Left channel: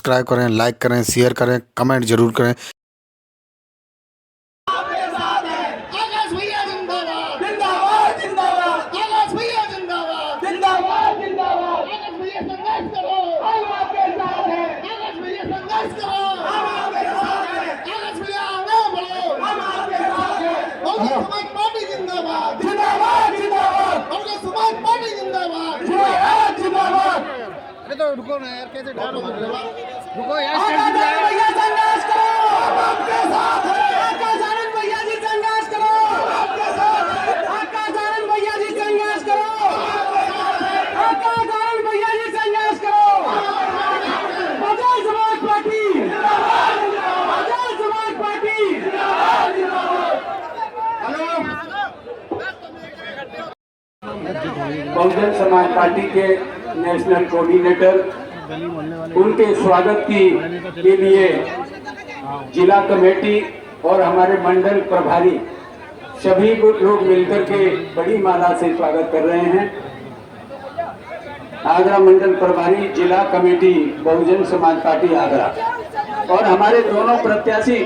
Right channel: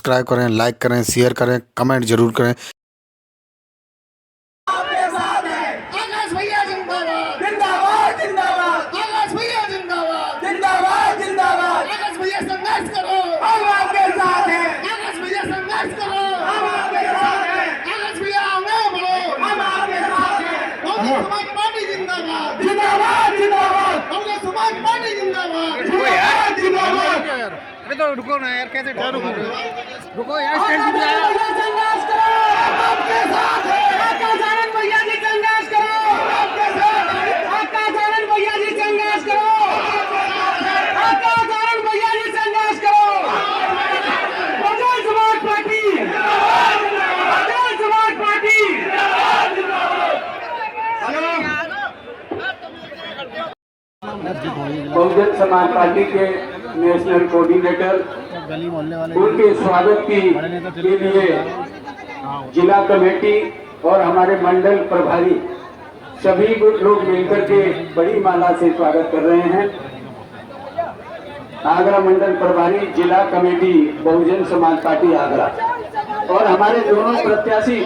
Subscribe करें, like करें, share करें, कमेंट जरूर करें। तो रुको ना यार, कैसे रुको यार, स्टैंड दिख रहा है। बहुजन समाज पार्टी के नेशनल कोऑर्डिनेटर, उनके स्वागत के लिए जिला कमेटी और हमारे मंडल प्रभारी सभी लोग मिलकर के बड़ी माला से स्वागत कर रहे हैं। आगरा मंडल प्रभारी, जिला कमेटी बहुजन समाज पार्टी आगरा और हमारे दोनों प्रत्याशी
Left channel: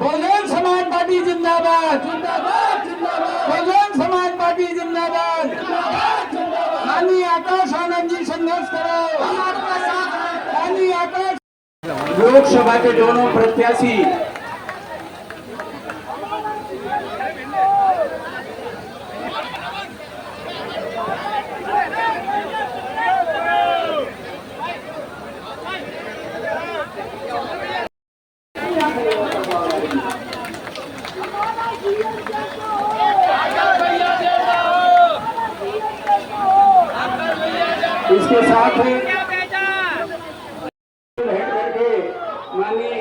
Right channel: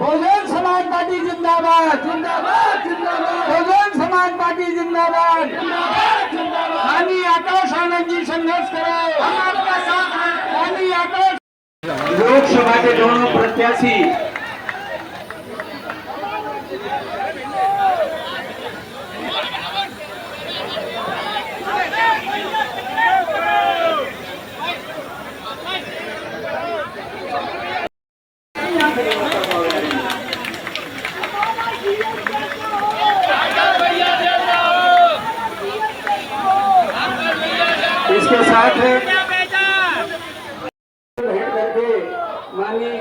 बहुजन समाज पार्टी जिंदाबाद, जिंदाबाद, जिंदाबाद। बहुजन समाज पार्टी जिंदाबाद, जिंदाबाद, जिंदाबाद। माननीय आकाश आनंद जी संघर्ष करो, माननीय आकाश। लोकसभा के दोनों प्रत्याशी इसके साथ करके माननीय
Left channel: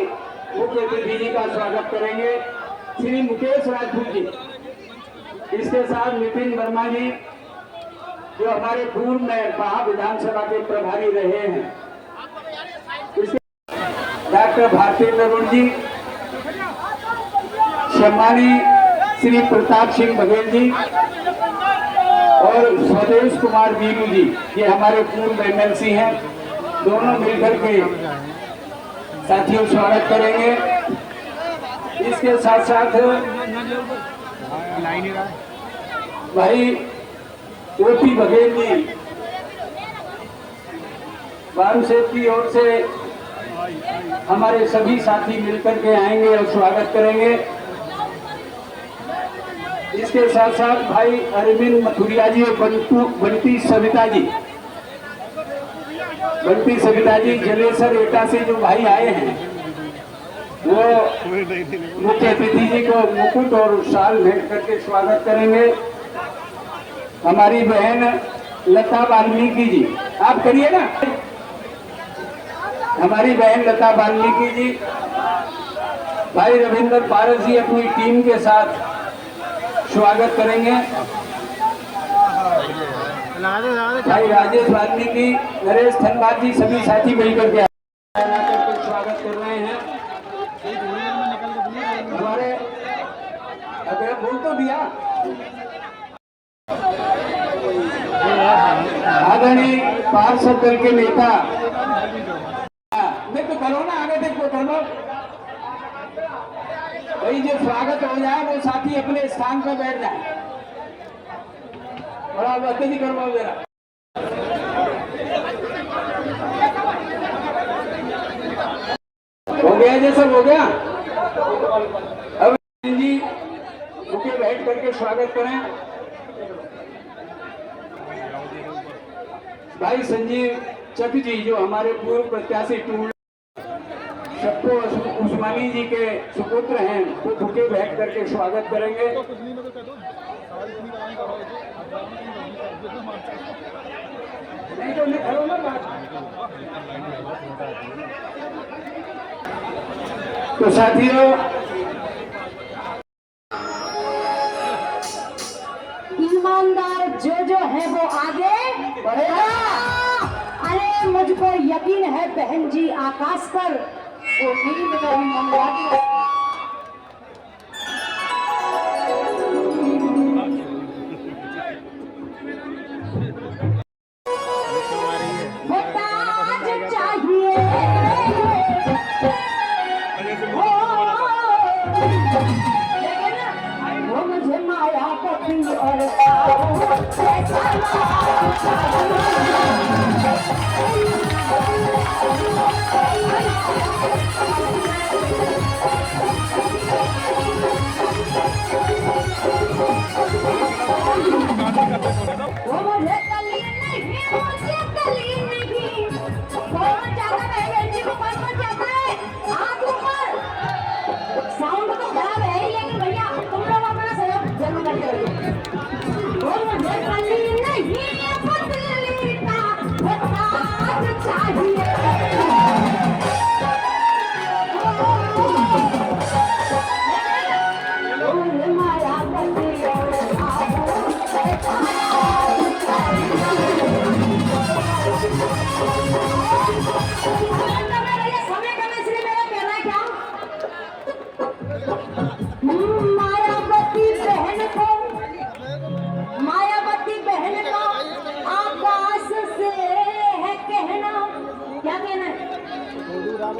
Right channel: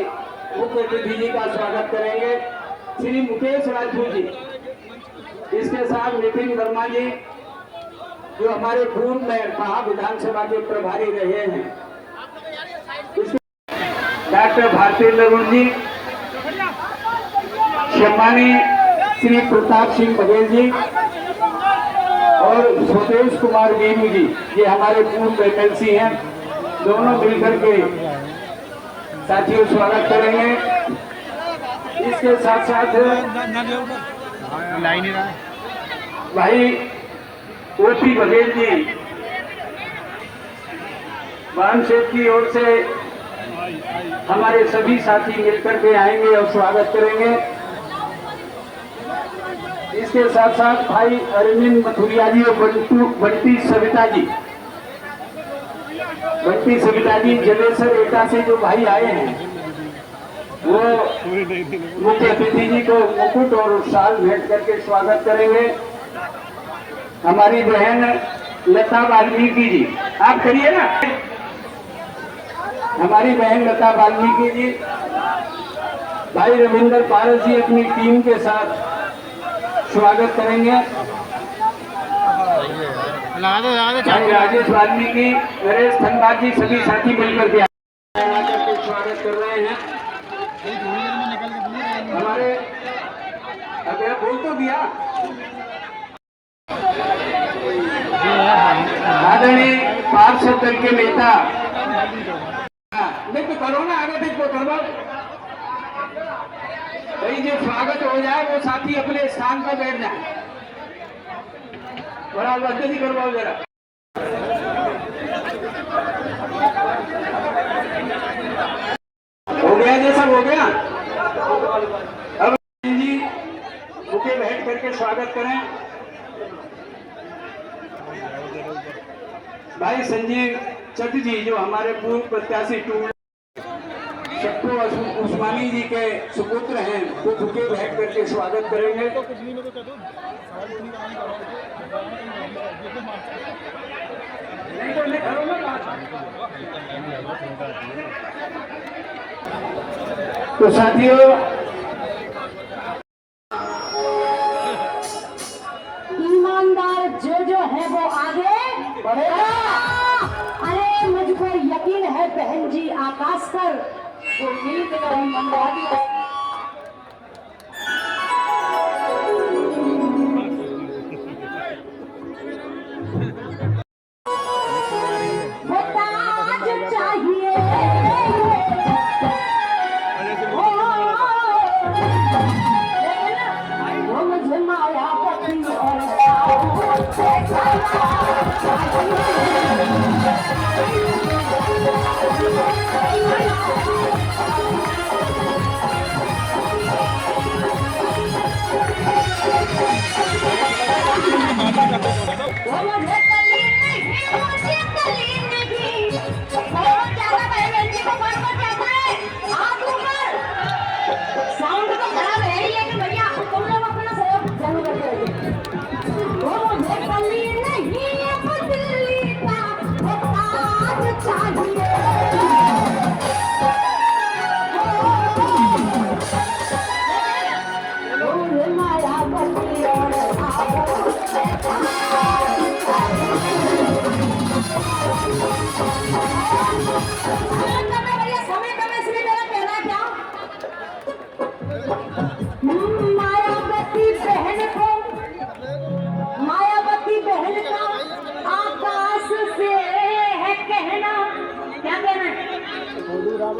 मुख्य अतिथि जी का स्वागत करेंगे श्री मुकेश राजपूत जी। इसके साथ नितिन वर्मा जी, जो हमारे पूर्व में महा विधानसभा के प्रभारी रहे हैं। डॉक्टर भारती नरुण जी, सम्मानी श्री प्रताप सिंह बघेल जी और स्वदेश कुमार वीरू जी, ये हमारे पूर्व एमएलसी हैं। दोनों मिलकर के साथियों स्वागत करेंगे। इसके साथ साथ भाई ओपी बघेल जी मानसेठ की ओर से हमारे सभी साथी मिलकर के आएंगे और स्वागत करेंगे। इसके साथ साथ भाई अरविंद मथुरिया जी और बंटी सविता जी जलेसर एटा से जो भाई आए हैं, वो मुख्य अतिथि जी को मुकुट और शाल भेंट करके स्वागत करेंगे। हमारी बहन लता वाल्मीकि जी, आप करिए ना। हमारी बहन लता वाल्मीकि जी, भाई रविंद्र पारस जी अपनी टीम के साथ स्वागत करेंगे। भाई राजेश वाल्मीकि, नरेश धनबाद जी, सभी साथी मिलकर के स्वागत कर रहे हैं। हमारे बोल तो दिया आदरणीय पार्षद दल के नेता, नहीं तो करो ना, आगे देखो करो भाई। जो स्वागत हो जाए तो साथी अपने स्थान पर बैठ जाए। बड़ा वक्त नहीं करवाओ जरा। हो गया जैसा हो गया। अब जी मुझे बैठ करके स्वागत करें। भाई संजीव चक जी, जो हमारे पूर्व प्रत्याशी शक्को उस्मानी जी के सुपुत्र हैं, वो भूखे बैठ करके स्वागत करेंगे। तो साथियों, ईमानदार जो है वो आगे बढ़ेगा। अरे मुझको यकीन है बहन जी आप आकाश पर उम्मीद का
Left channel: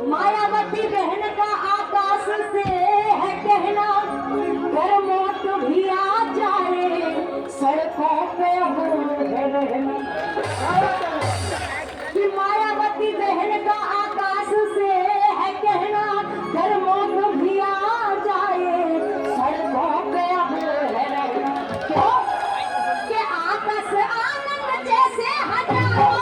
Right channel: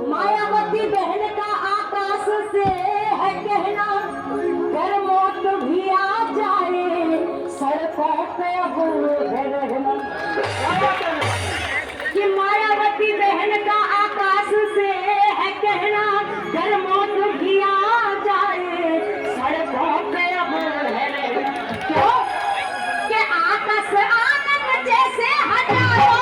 मायावती बहन का आकाश से है कहना, फिर मौत भी आ जाए सड़कों पे हो रहना। कि मायावती बहन का आकाश से है कहना, फिर मौत भी आ जाए सड़कों पे हो रहना। क्यों कि आकाश आनंद जैसे हजारों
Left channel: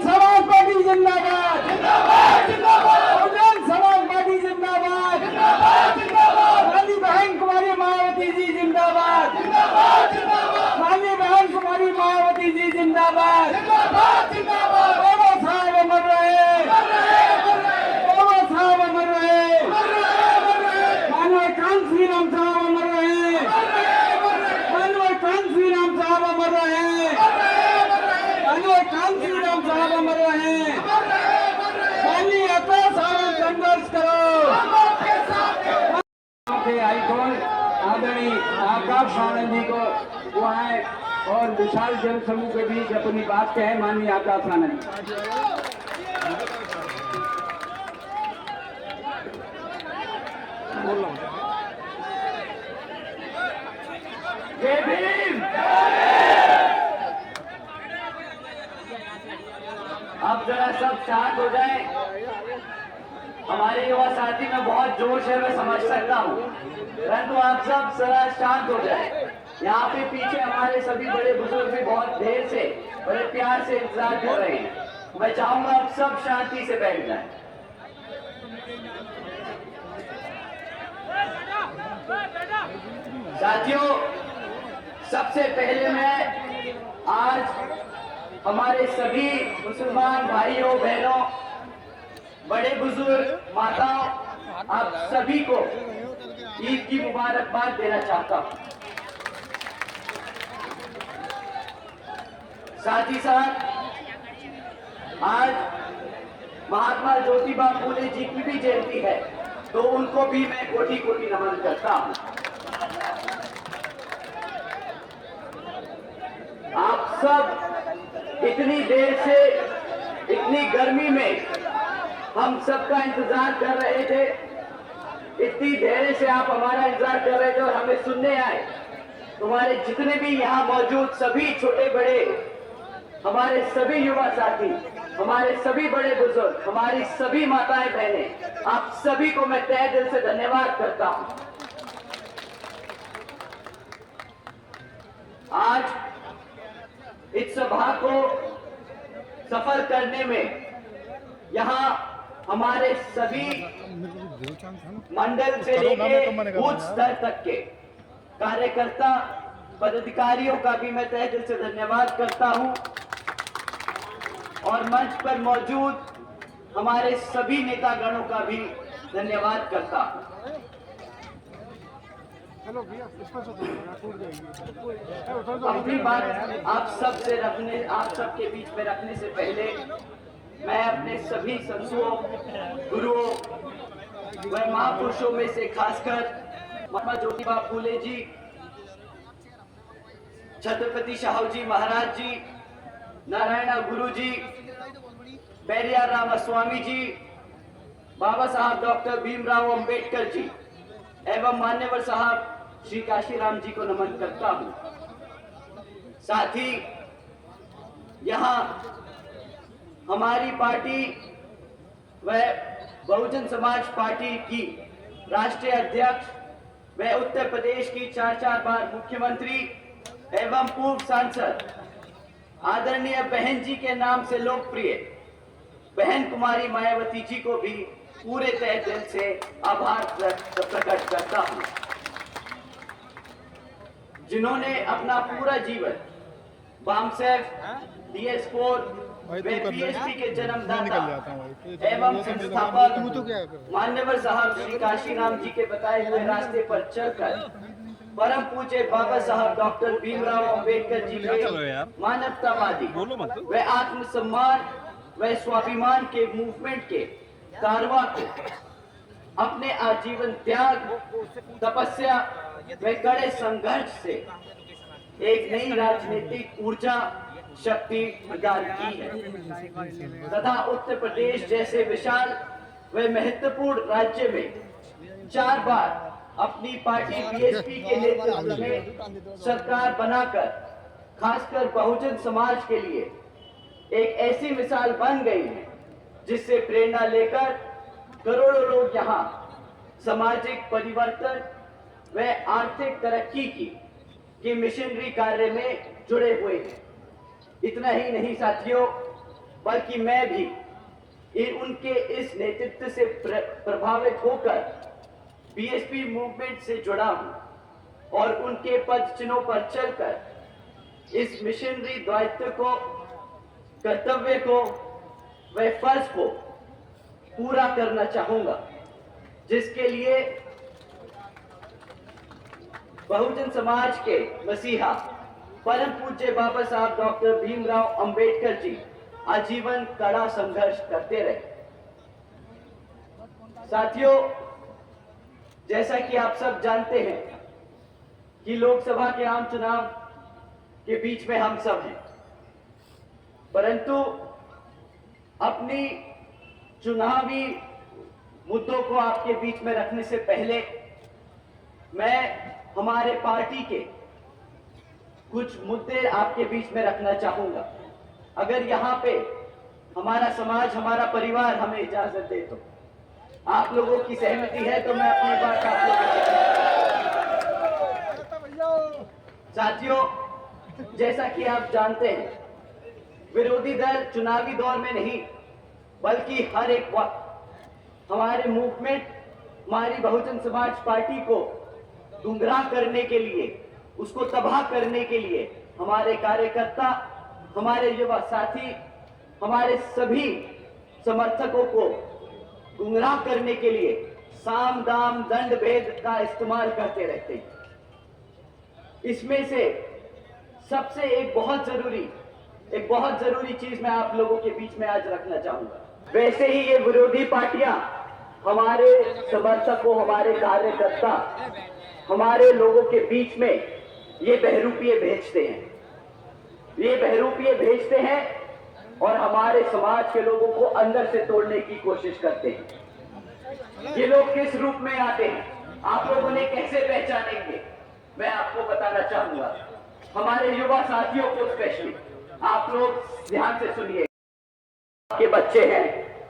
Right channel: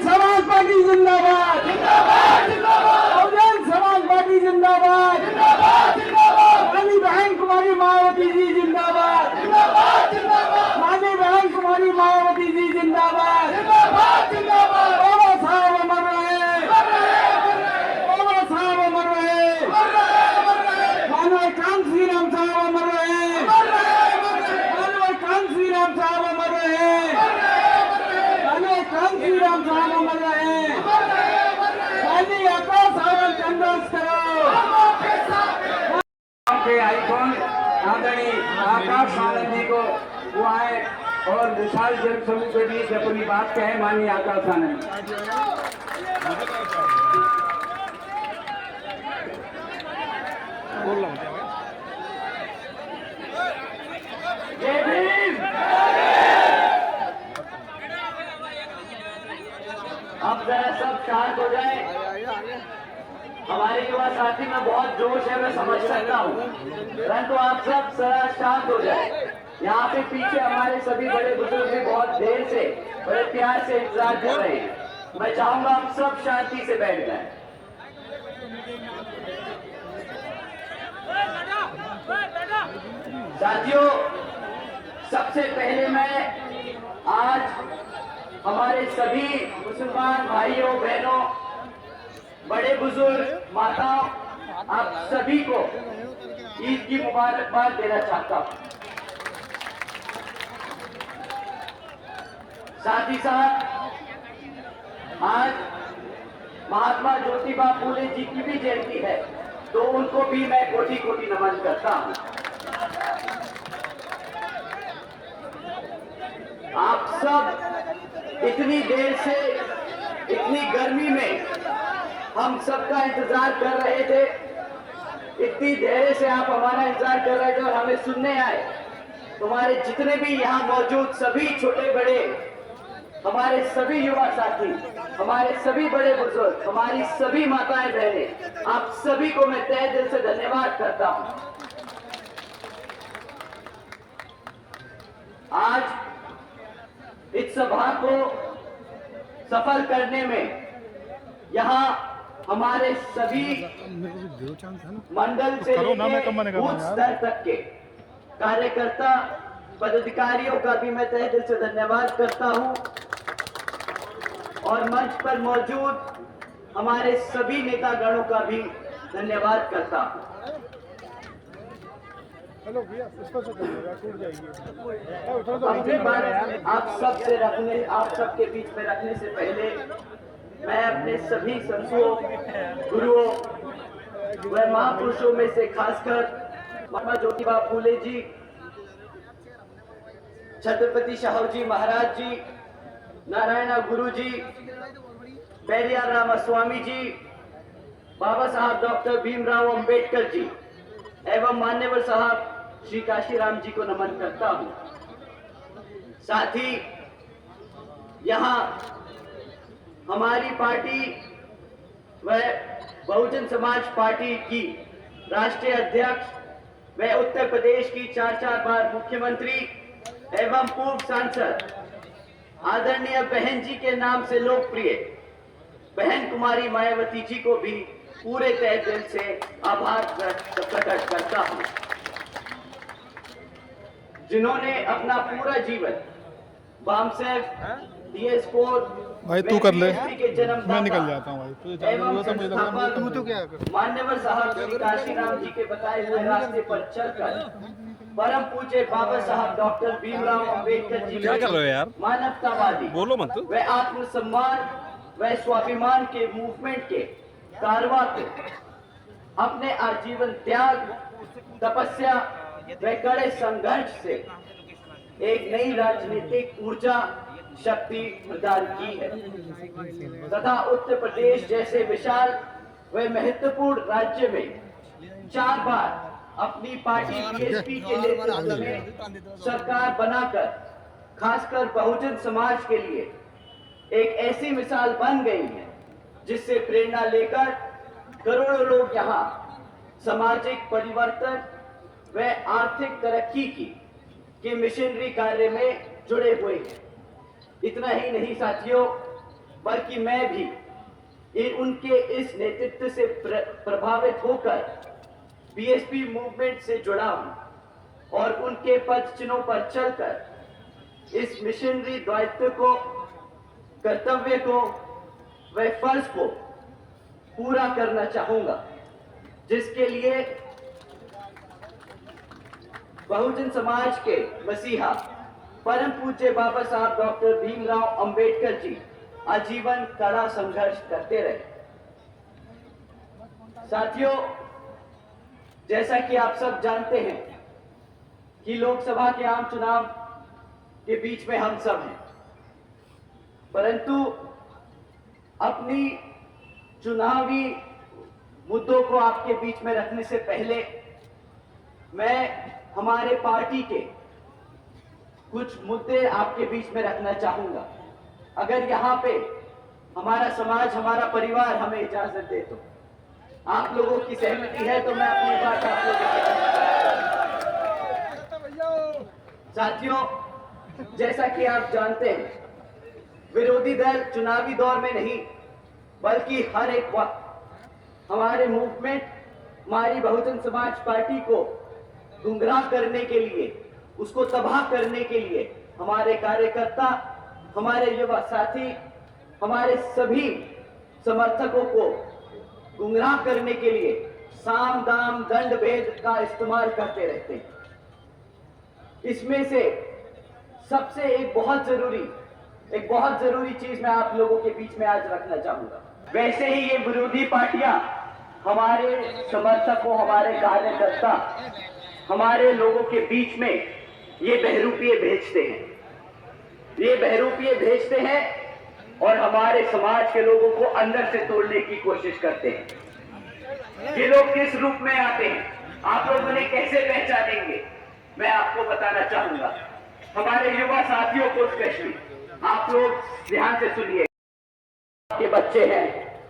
समाज पार्टी जिंदाबाद, समाज पार्टी जिंदाबाद, रानी बहन कुमारी मायावती जी जिंदाबाद, रानी बहन कुमारी मायावती जी जिंदाबाद। बाबा साहब अमर रहे, बाबा साहब अमर रहे, मानव कांसी राम साहब अमर रहे, मानव कांसी राम साहब अमर रहे, कांसीराम साहब अमर रहे। खाली आकाश आनंद संघर्ष करो। के आइकॉन आदरणीय आकाश आनंद जी को वो आए और विशाल जन समूह के बीच अपनी बात कहे। माननीय आकाश आनंद। जय भीम। अब जरा सब शांत हो जाए। हमारे युवा साथी में बहुत जोश है, मैं समझ सकता हूँ, परंतु आप सब जरा शांत हो जाए। यहाँ पे पीछे हमारे सभी बड़े बुजुर्ग भी बहुत देर से बड़े प्यार से इंतजार कर रहे हैं। मैं चाहूंगा आप सब शांति से बैठ जाए। साथियों, सबसे पहले मैं आज हमारे सभी मुसलमान भाइयों बहनों, बड़े बुजुर्ग, माता, आप सभी को ईद की मुबारकबाद देना चाहता हूं। साथ ही साथ आज महात्मा ज्योतिबा फूले जी की भी जयंती है, तो उनको भी मैं कोटि कोटि नमन करता हूं। आप सब इतनी देर से इतनी गर्मी में हम सबका इंतजार कर रहे थे, इतनी देर से आप हमारा इंतजार कर रहे थे और हमें सुनने आए। तुम्हारे जितने भी यहाँ मौजूद सभी छोटे बड़े, हमारे सभी युवा साथी, हमारे सभी बड़े बुजुर्ग, हमारी सभी माताएं बहनें, आप सभी को मैं तहे दिल से धन्यवाद करता हूँ। आज इस सभा को सफल करने में यहाँ हमारे सभी मंडल से लेकर बूथ स्तर तक के कार्यकर्ता पदाधिकारियों का भी मैं तहे दिल से धन्यवाद करता हूँ और मंच पर मौजूद हमारे सभी नेतागणों का भी धन्यवाद करता हूँ। चलो भैया इस पर तो टूट जाएगी। अपनी बात आप सबके बीच में रखने से पहले मैं अपने सभी संतों, गुरुओं व महापुरुषों में से खासकर महात्मा ज्योतिबा फूले जी, छत्रपति शाहू जी महाराज जी, नारायण गुरु जी, पेरियार रामास्वामी जी, बाबा साहब डॉक्टर भीमराव अंबेडकर जी एवं मान्यवर साहब श्री काशीराम जी को नमन करता हूं। साथ ही यहाँ हमारी पार्टी व बहुजन समाज पार्टी की राष्ट्रीय अध्यक्ष व उत्तर प्रदेश की 4 बार मुख्यमंत्री एवं पूर्व सांसद आदरणीय बहन जी के नाम से लोकप्रिय बहन कुमारी मायावती जी को भी पूरे तहे दिल से आभार प्रकट करता हूं, जिन्होंने अपना पूरा जीवन बामसेफ DS4 भाई तू कर ले, के जन्म मैं निकल जाता हूँ भाई। एवं तू तो क्या कर मान्यवर साहब श्री काशीराम जी के बताए हुए रास्ते पर चलकर परम पूज्य बाबा साहब डॉक्टर भीमराव अंबेडकर जी यार? मानवतावादी बोलो मत। व आत्मसम्मान व स्वाभिमान के मूवमेंट के कारवां को अपने आजीवन त्याग, तपस्या व कड़े संघर्ष से एक नई राजनीतिक ऊर्जा शक्ति प्रदान की है तथा उत्तर प्रदेश जैसे विशाल व महत्वपूर्ण राज्य में 4 बार अपनी पार्टी BSP के नेतृत्व में सरकार बनाकर खासकर बहुजन समाज के लिए एक ऐसी मिसाल बन गई है जिससे प्रेरणा लेकर करोड़ों लोग यहाँ सामाजिक परिवर्तन व आर्थिक तरक्की की मिशनरी कार्य में जुड़े हुए हैं। इतना ही नहीं साथियों, बल्कि मैं भी उनके इस नेतृत्व से प्रभावित होकर BSP मूवमेंट से जुड़ा हूं और उनके पद चिन्हों पर चलकर इस मिशनरी दायित्व को, कर्तव्य को व फर्ज को पूरा करना चाहूंगा, जिसके लिए बहुजन समाज के मसीहा परम पूज्य बाबा साहब डॉक्टर भीमराव अंबेडकर जी आजीवन कड़ा संघर्ष करते रहे। साथियों, जैसा कि आप सब जानते हैं कि लोकसभा के आम चुनाव के बीच में हम सब हैं, परंतु अपनी चुनावी मुद्दों को आपके बीच में रखने से पहले मैं हमारे पार्टी के कुछ मुद्दे आपके बीच में रखना चाहूंगा। अगर यहाँ पे हमारा समाज, हमारा परिवार हमें इजाजत दे तो, आप लोगों की सहमति है तो मैं अपनी बात आप लोगों साथियों, जैसा कि आप जानते हैं, विरोधी दल चुनावी दौर में नहीं बल्कि हर एक वक्त हमारे मूवमेंट, हमारी बहुजन समाज पार्टी को गुमराह करने के लिए, उसको तबाह करने के लिए हमारे कार्यकर्ता, हमारे युवा साथी, हमारे सभी समर्थकों को गुमराह करने के लिए साम दाम दंड भेद का इस्तेमाल करते रहते हैं। इसमें से सबसे एक बहुत जरूरी चीज मैं आप लोगों के बीच में आज रखना चाहूंगा। वैसे ही ये विरोधी पार्टियां हमारे समर्थकों, हमारे कार्यकर्ता, हमारे लोगों के बीच में ये बहरूपिये भेजते हैं और हमारे समाज के लोगों को अंदर से तोड़ने की कोशिश करते हैं। ये लोग किस रूप में आते हैं, आप लोग उन्हें कैसे पहचानेंगे, मैं आपको बताना चाहूंगा। हमारे युवा साथियों को स्पेशली आप लोग ध्यान से सुनिए। के बच्चे हैं,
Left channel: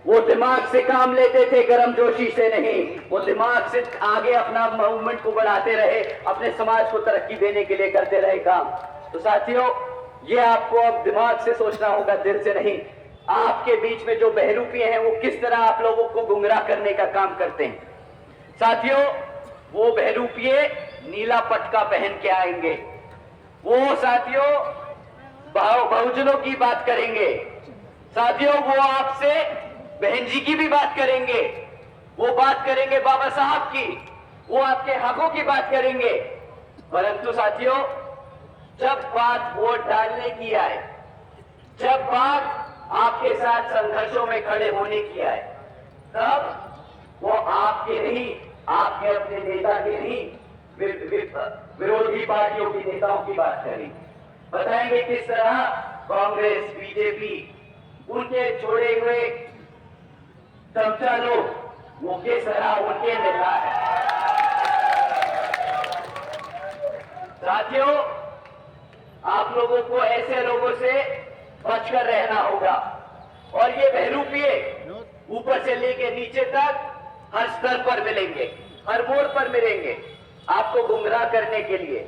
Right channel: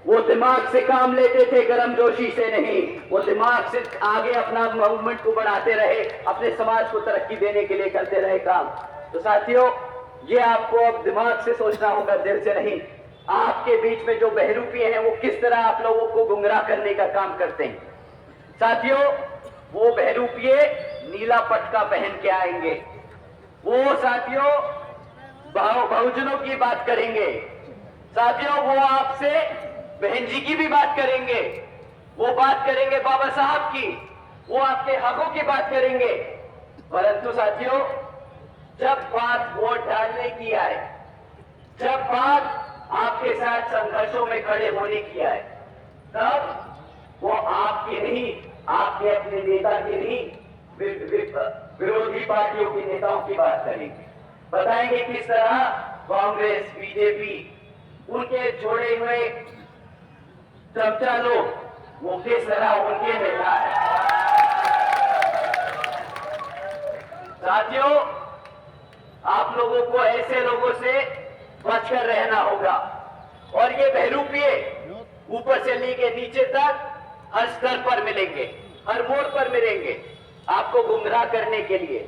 वो दिमाग से काम लेते थे, गर्मजोशी से नहीं। वो दिमाग से आगे अपना मूवमेंट को बढ़ाते रहे, अपने समाज को तरक्की देने के लिए करते रहे काम। तो साथियों, ये आपको अब दिमाग से सोचना होगा, दिल से नहीं। आपके बीच में जो बहरूपी हैं वो किस तरह आप लोगों को गुमराह करने का काम करते हैं। साथियों, वो बहरूपिये नीला पटका पहन के आएंगे। वो साथियों बहुजनों की बात करेंगे। साथियों, वो आपसे बहन जी की भी बात करेंगे। वो बात करेंगे बाबा साहब की, वो आपके हकों की बात करेंगे। परंतु साथियों, जब बात वोट डालने की आए, जब बात आपके साथ संघर्षों में खड़े होने की आए, तब वो आपके नहीं, आपके अपने नेता के नहीं, विरोधी पार्टियों के नेताओं की बात करेंगे। बताएंगे किस तरह कांग्रेस, बीजेपी, उनके छोड़े हुए चमचा लोग, वो किस तरह उनके नेता है। साथियों, आप लोगों को ऐसे लोगों से बचकर रहना होगा। और ये बहरूपिये ऊपर से लेके नीचे तक हर स्तर पर मिलेंगे, हर मोड़ पर मिलेंगे आपको गुमराह करने के लिए।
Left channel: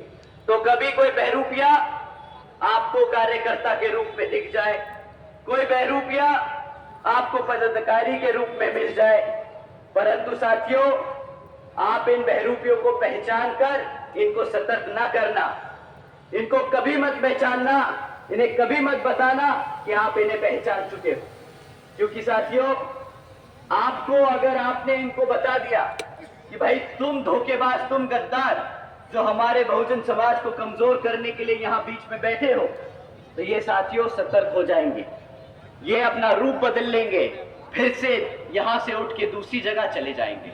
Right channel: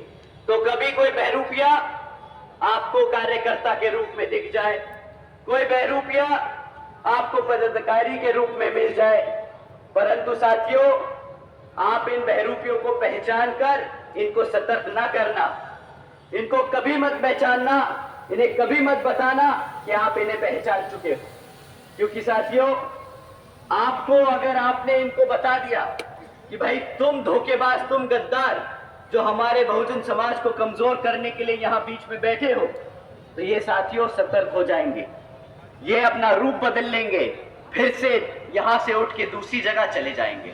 तो कभी कोई बहरूपिया आपको कार्यकर्ता के रूप में दिख जाए, कोई बहरूपिया आपको पदाधिकारी के रूप में मिल जाए, परंतु साथियों, आप इन बहरूपियों को पहचान कर इनको सतर्क ना करना। इनको कभी मत पहचानना, इन्हें कभी मत बताना कि आप इन्हें पहचान चुके हो। क्योंकि साथियों, आपको अगर आपने इनको बता दिया कि भाई तुम धोखेबाज, तुम गद्दार, जो हमारे बहुजन समाज को कमजोर करने के लिए यहां बीच में बैठे हो, तो ये साथियों सतर्क हो जाएंगे। ये अपना रूप बदल लेंगे, फिर से यहां से उठ के दूसरी जगह चले जाएंगे।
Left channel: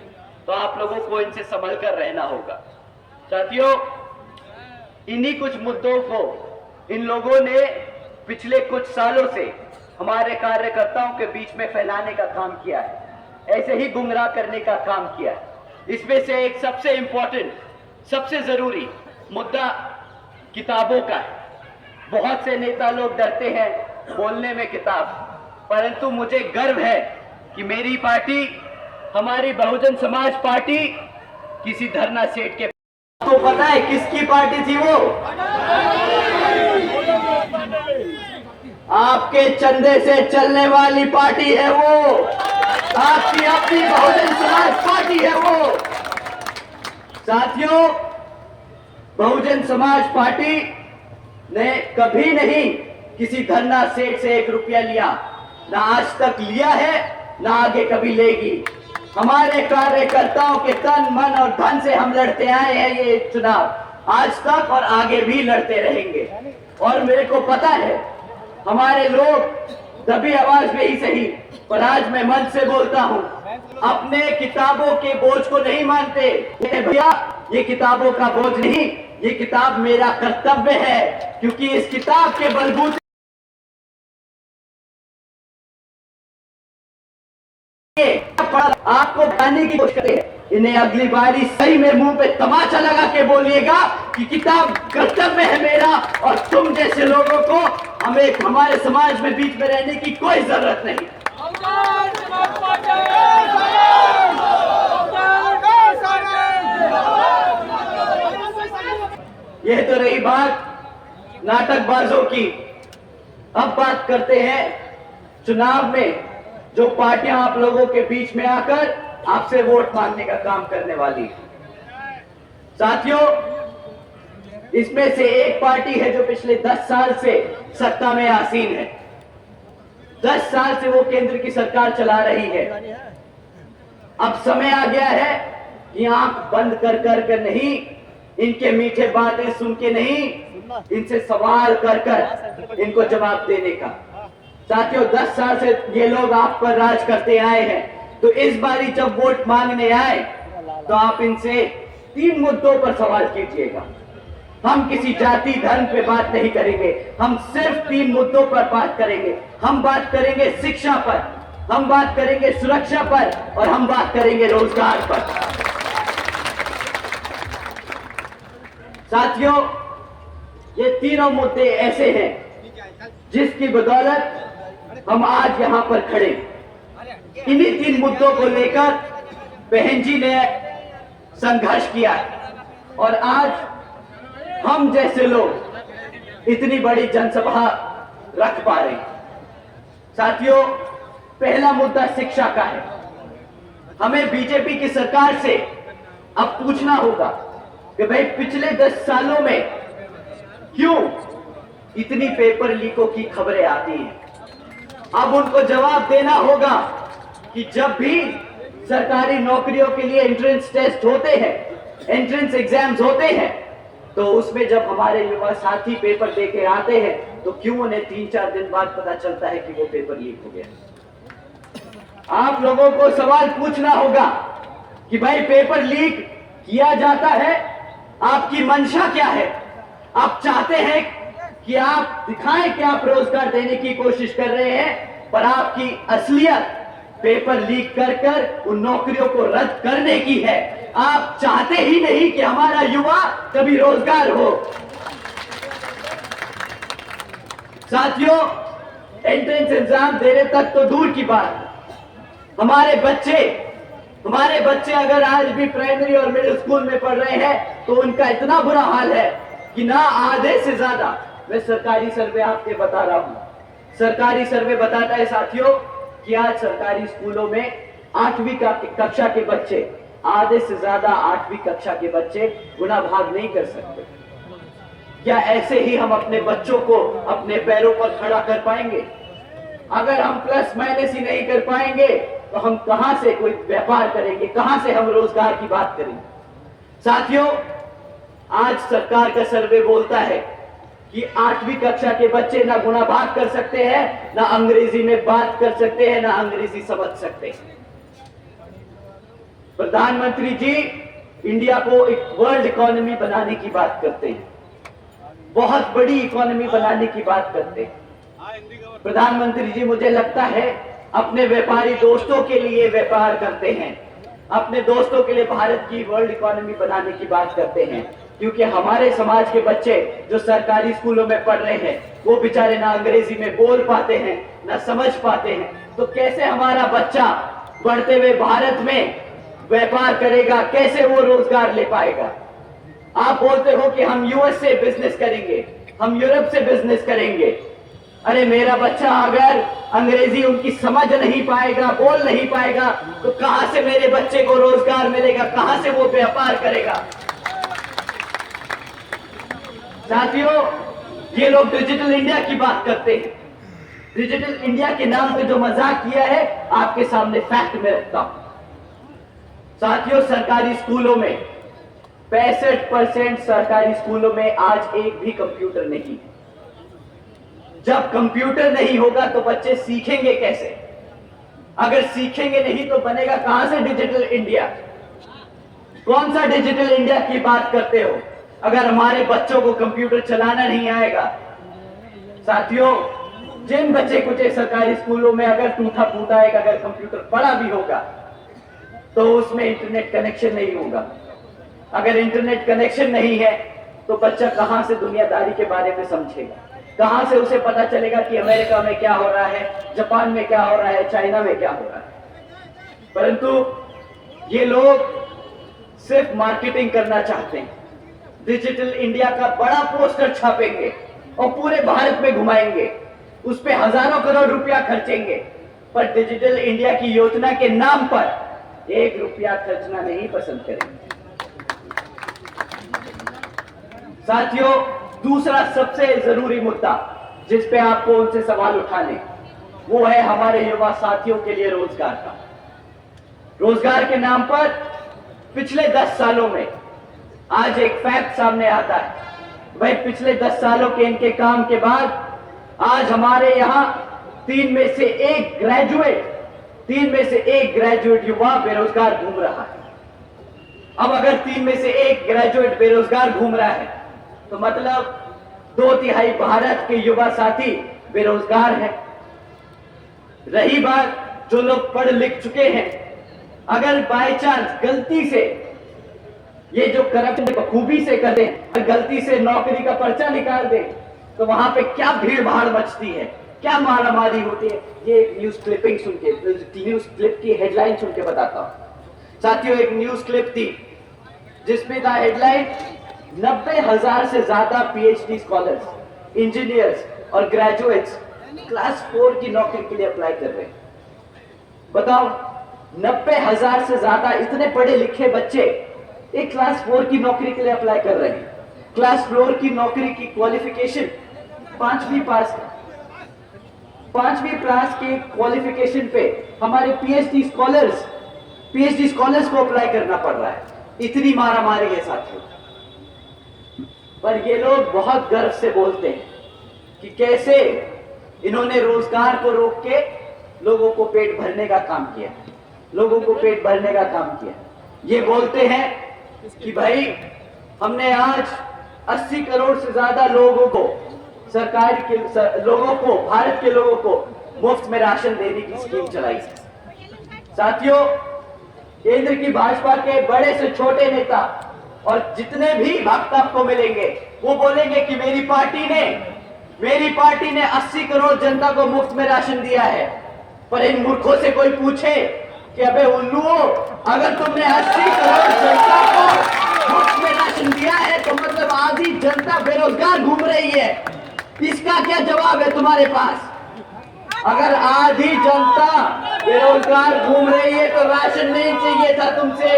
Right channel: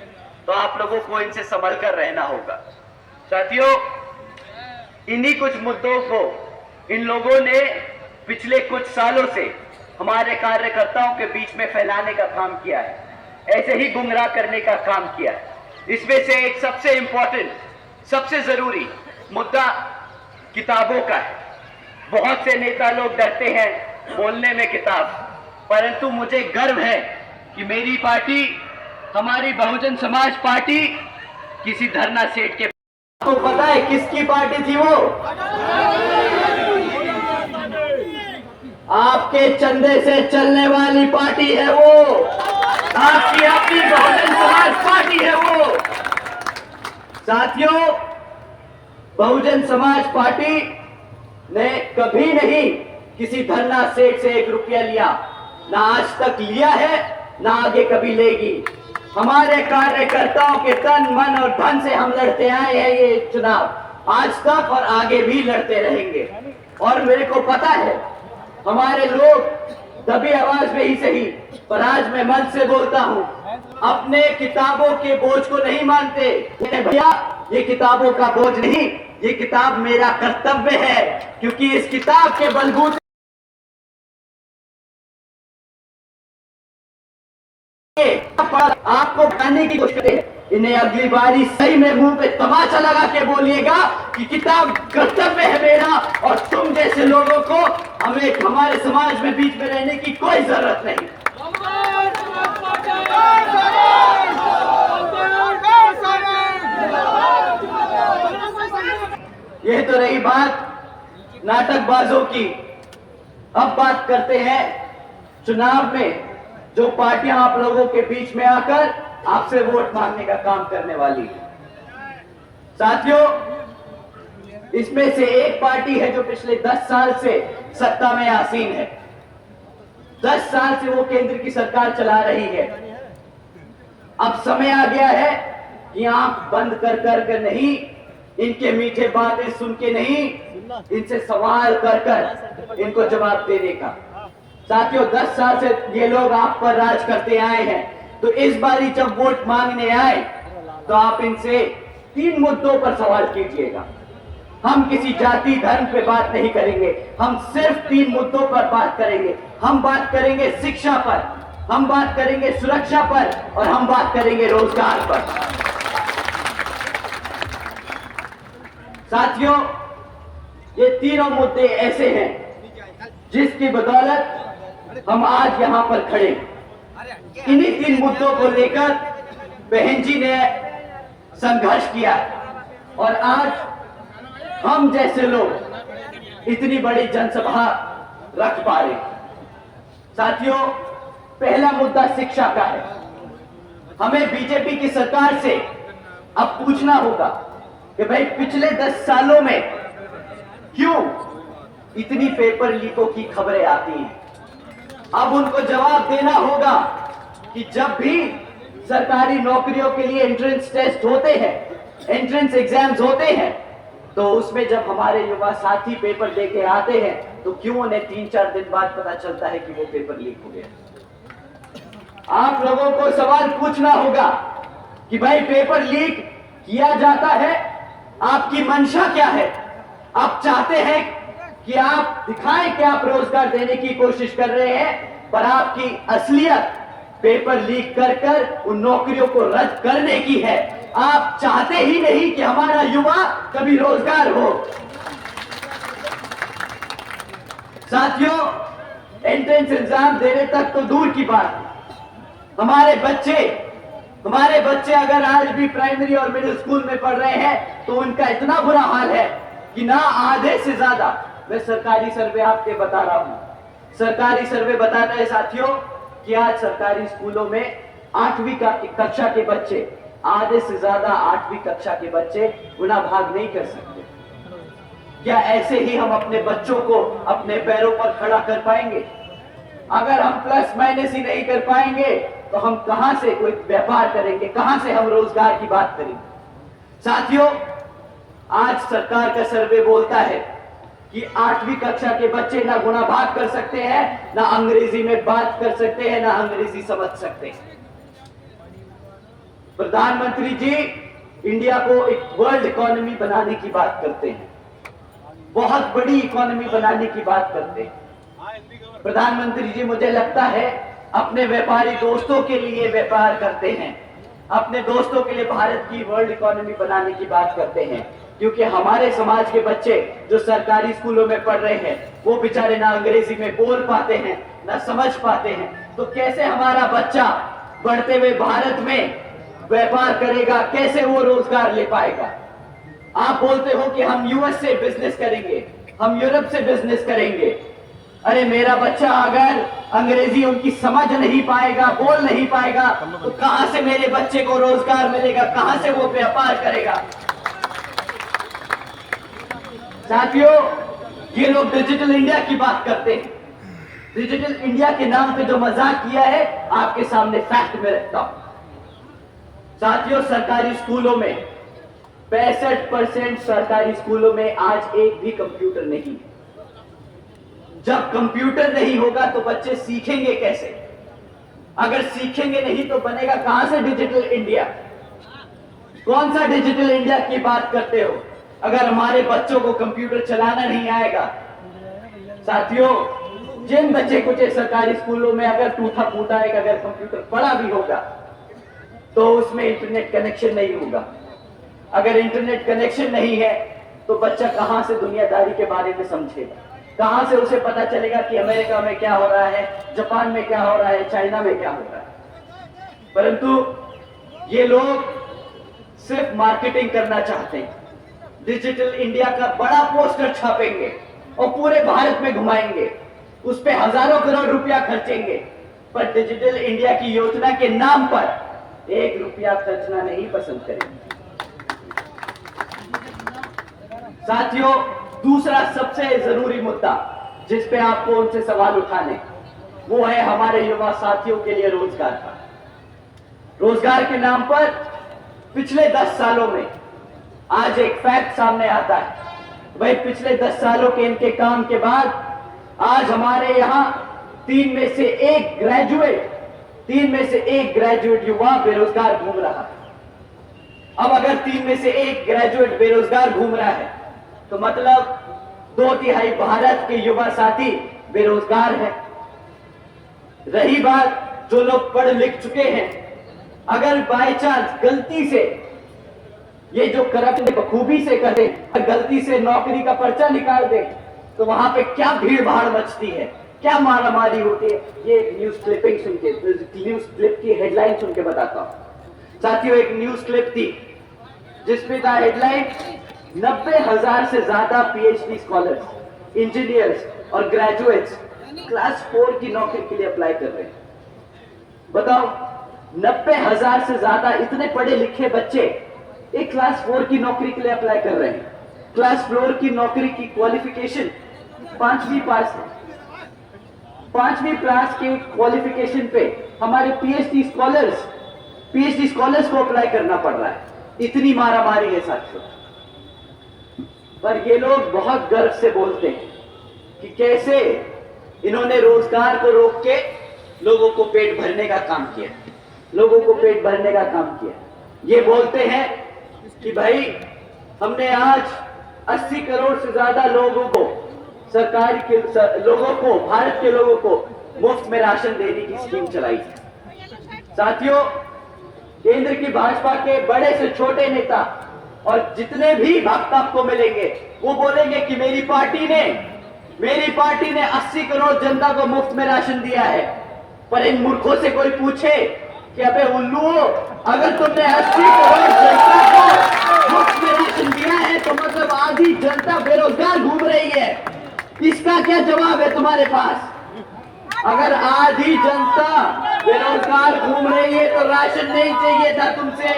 तो आप लोगों को इनसे संभल कर रहना होगा। साथियों, इन्हीं कुछ मुद्दों को इन लोगों ने पिछले कुछ सालों से हमारे कार्यकर्ताओं के बीच में फैलाने का काम किया है, ऐसे ही गुमराह करने का काम किया है। इसमें से एक सबसे इंपॉर्टेंट, सबसे जरूरी मुद्दा किताबों का है। बहुत से नेता लोग डरते हैं बोलने में किताब, परंतु मुझे गर्व है कि मेरी पार्टी, हमारी बहुजन समाज पार्टी किसी धरना सेठ के, आपको पता है किसकी पार्टी थी वो? आपके चंदे से चलने वाली पार्टी है वो, आपकी अपनी बहुजन समाज पार्टी है वो। साथियों, बहुजन समाज पार्टी ने कभी नहीं किसी धरना सेठ से 1 रुपया लिया, ना आज तक लिया है, ना आगे कभी लेगी। हमारे कार्यकर्ताओं के तन, मन और धन से हम लड़ते आए हैं ये चुनाव, आज तक और आगे भी लड़ते रहेंगे। और मेरे को पता है हमारे लोग दबी आवाज में ही सही, पर आज मैं मन से बोलता हूँ, अपने किताबों के बोझ को नहीं मानते। भैया, ये किताबों का बोझ नहीं, ये किताब मेरा कर्तव्य है, क्योंकि इस किताब के बलबूते आपको खाने की कोशिश करते हैं। इन्हें अगली बारी सही में मुंह पे तमाचा लगा के बोलिएगा कि किताब कर्तव्य है मेरा, और तुम जैसे लोगों को हमें हमारे समाज में बीच में रहने की कोई जरूरत नहीं। यह तो रही बात नाटकबाजों की। अब बात करते हैं चुनाव में जो पार्टियां आप लोगों के बीच में आकर आपसे वोट मांगने का काम करने वाली है। साथियों, इसमें से एक पार्टी है जो पिछले 10 साल से सत्ता में आसीन है। 10 साल से वो केंद्र की सरकार चला रही है। अब समय आ गया है कि आंख बंद कर कर नहीं, इनके मीठे बातें सुन के नहीं, इनसे सवाल कर कर इनको जवाब देने का। साथियों, 10 साल से ये लोग आप पर राज करते आए हैं, तो इस बारी जब वोट मांगने आए तो आप इनसे 3 मुद्दों पर सवाल कीजिएगा। हम किसी जाति धर्म पे बात नहीं करेंगे, हम सिर्फ 3 मुद्दों पर बात करेंगे। हम बात करेंगे शिक्षा पर, हम बात करेंगे सुरक्षा पर, और हम बात करेंगे रोजगार पर। साथियों, ये तीनों मुद्दे ऐसे हैं जिसकी बदौलत हम आज यहां पर खड़े। इन्हीं 3 मुद्दों को लेकर बहन जी ने संघर्ष किया, और आज हम जैसे लोग इतनी बड़ी जनसभा रख पा रहे। साथियों, पहला मुद्दा शिक्षा का है। हमें बीजेपी की सरकार से अब पूछना होगा कि भाई पिछले 10 सालों में क्यों इतनी पेपर लीकों की खबरें आती हैं। अब उनको जवाब देना होगा कि जब भी सरकारी नौकरियों के लिए एंट्रेंस टेस्ट होते हैं, एंट्रेंस एग्जाम्स होते हैं, तो उसमें जब हमारे युवा साथी पेपर दे के आते हैं तो क्यों उन्हें 3-4 दिन बाद पता चलता है कि वो पेपर लीक हो गया। आप लोगों को सवाल पूछना होगा कि भाई पेपर लीक किया जाता है, आपकी मंशा क्या है। आप चाहते हैं कि आप दिखाएं कि आप रोजगार देने की कोशिश कर रहे हैं, पर आपकी असलियत पेपर लीक कर कर उन नौकरियों को रद्द करने की है। आप चाहते ही नहीं कि हमारा युवा कभी रोजगार हो। साथियों, एंट्रेंस एग्जाम देने तक तो दूर की बात, हमारे बच्चे अगर आज भी प्राइमरी और मिडिल स्कूल में पढ़ रहे हैं तो उनका इतना बुरा हाल है कि ना आधे से ज्यादा, मैं सरकारी सर्वे आपके बता रहा हूं, सरकारी सर्वे बताता है साथियों कि आज सरकारी स्कूलों में 8वीं कक्षा के बच्चे, आधे से ज्यादा 8वीं कक्षा के बच्चे गुना भाग नहीं कर सकते। क्या ऐसे ही हम अपने बच्चों को अपने पैरों पर खड़ा कर पाएंगे? अगर हम प्लस माइनस ही नहीं कर पाएंगे तो हम कहां से कोई व्यापार करेंगे, कहां से हम रोजगार की बात करेंगे। साथियों, आज सरकार का सर्वे बोलता है कि 8वीं कक्षा के बच्चे ना गुणा भाग कर सकते हैं, ना अंग्रेजी में बात कर सकते हैं, ना अंग्रेजी समझ सकते हैं। प्रधानमंत्री जी इंडिया को एक वर्ल्ड इकोनॉमी बनाने की बात करते हैं, बहुत बड़ी इकोनॉमी बनाने की बात करते हैं। प्रधानमंत्री जी मुझे लगता है अपने व्यापारी दोस्तों के लिए व्यापार करते हैं, अपने दोस्तों के लिए भारत की वर्ल्ड इकोनॉमी बनाने की बात करते हैं, क्योंकि हमारे समाज के बच्चे जो सरकारी स्कूलों में पढ़ रहे हैं वो बेचारे ना अंग्रेजी में बोल पाते हैं, ना समझ पाते हैं। तो कैसे हमारा बच्चा बढ़ते हुए भारत में व्यापार करेगा, कैसे वो रोजगार ले पाएगा? आप बोलते हो कि हम यूएस से बिजनेस करेंगे, हम यूरोप से बिजनेस करेंगे। अरे मेरा बच्चा अगर अंग्रेजी उनकी समझ नहीं पाएगा, बोल नहीं पाएगा, तो कहां से मेरे बच्चे को रोजगार मिलेगा, कहां से वो व्यापार करेगा? साथियों, ये लोग डिजिटल इंडिया की बात करते हैं। डिजिटल इंडिया के नाम पे जो मजाक किया है आपके सामने फैक्ट में रखता हूं। साथियों, सरकारी स्कूलों में 65% सरकारी स्कूलों में आज एक भी कंप्यूटर नहीं। जब कंप्यूटर नहीं होगा तो बच्चे सीखेंगे कैसे? अगर सीखेंगे नहीं तो बनेगा कहां से डिजिटल इंडिया? कौन सा डिजिटल इंडिया की बात करते हो अगर हमारे बच्चों को कंप्यूटर चलाना नहीं आएगा? साथियों, जिन बच्चे कुछ सरकारी स्कूलों में अगर टूटा फूटा एक अगर कंप्यूटर पड़ा भी होगा तो उसमें इंटरनेट कनेक्शन नहीं होगा। अगर इंटरनेट कनेक्शन नहीं है तो बच्चा कहां से दुनियादारी के बारे में समझेगा? कहां से उसे पता चलेगा कि अमेरिका में क्या हो रहा है, जापान में क्या हो रहा है, चाइना में क्या हो रहा है? परंतु ये लोग सिर्फ मार्केटिंग करना चाहते हैं। डिजिटल इंडिया का बड़ा पोस्टर छापेंगे और पूरे भारत में घुमाएंगे, उस पे हजारों करोड़ रुपया खर्चेंगे, पर डिजिटल इंडिया की योजना के नाम पर 1 रुपया खर्चना नहीं पसंद करेंगे। साथियों, दूसरा सबसे जरूरी मुद्दा जिस पे आपको उनसे सवाल उठाने, वो है हमारे युवा साथियों के लिए रोजगार का। रोजगार के नाम पर पिछले 10 सालों में आज एक फैक्ट सामने आता है। भाई पिछले 10 सालों के इनके काम के बाद आज हमारे यहां 3 में से 1 ग्रेजुएट युवा बेरोजगार घूम रहा है। अब अगर 3 में से 1 ग्रेजुएट बेरोजगार घूम रहा है तो मतलब 2/3 भारत के युवा साथी बेरोजगार हैं। रही बात जो लोग पढ़ लिख चुके हैं, अगर बाय चांस गलती से ये जो करप्शन बखूबी से कर दें, गलती से नौकरी का पर्चा निकाल दें, तो वहां पे क्या भीड़ भाड़ मचती है, क्या मारामारी होती है। ये एक न्यूज क्लिपिंग सुन के, न्यूज क्लिप की हेडलाइन सुन के बताता हूं। साथियों, एक न्यूज क्लिप थी जिसमें था हेडलाइन 90,000 से ज्यादा PhD स्कॉलर्स इंजीनियर्स और ग्रेजुएट्स क्लास 4 की नौकरी के लिए अप्लाई कर रहे हैं। बताओ, 90,000 से ज्यादा इतने पढ़े लिखे बच्चे एक क्लास 4 की नौकरी के लिए अप्लाई कर रहे हैं। क्लास 4 की नौकरी की क्वालिफिकेशन 5वीं पास है। 5वीं क्लास के क्वालिफिकेशन पे हमारे पीएचडी स्कॉलर्स को अप्लाई करना पड़ रहा है। इतनी मारामारी है साथियों। पर ये लोग बहुत गर्व से बोलते हैं कि कैसे इन्होंने रोजगार को रोक के लोगों को पेट भरने का काम किया, लोगों को पेट भरने का काम किया। ये बोलते हैं कि भाई हमने आज 80 करोड़ से ज्यादा लोगों को, सरकार के लोगों को, भारत के लोगों को मुफ्त में राशन देने की स्कीम चलाई। साथियों, केंद्र की भाजपा के बड़े से छोटे नेता और जितने भी भक्त आपको मिलेंगे वो बोलेंगे कि मेरी पार्टी ने 80 करोड़ जनता को मुफ्त में राशन दिया है। पर इन मूर्खों से कोई पूछे कि अबे उल्लुओ, अगर तुमने 80 करोड़ जनता को मुफ्त में राशन दिया है तो मतलब आधी जनता बेरोजगार घूम रही है। इसका क्या जवाब है तुम्हारे पास? अगर आधी जनता बेरोजगार घूम रही है तो राशन नहीं चाहिए था तुमसे।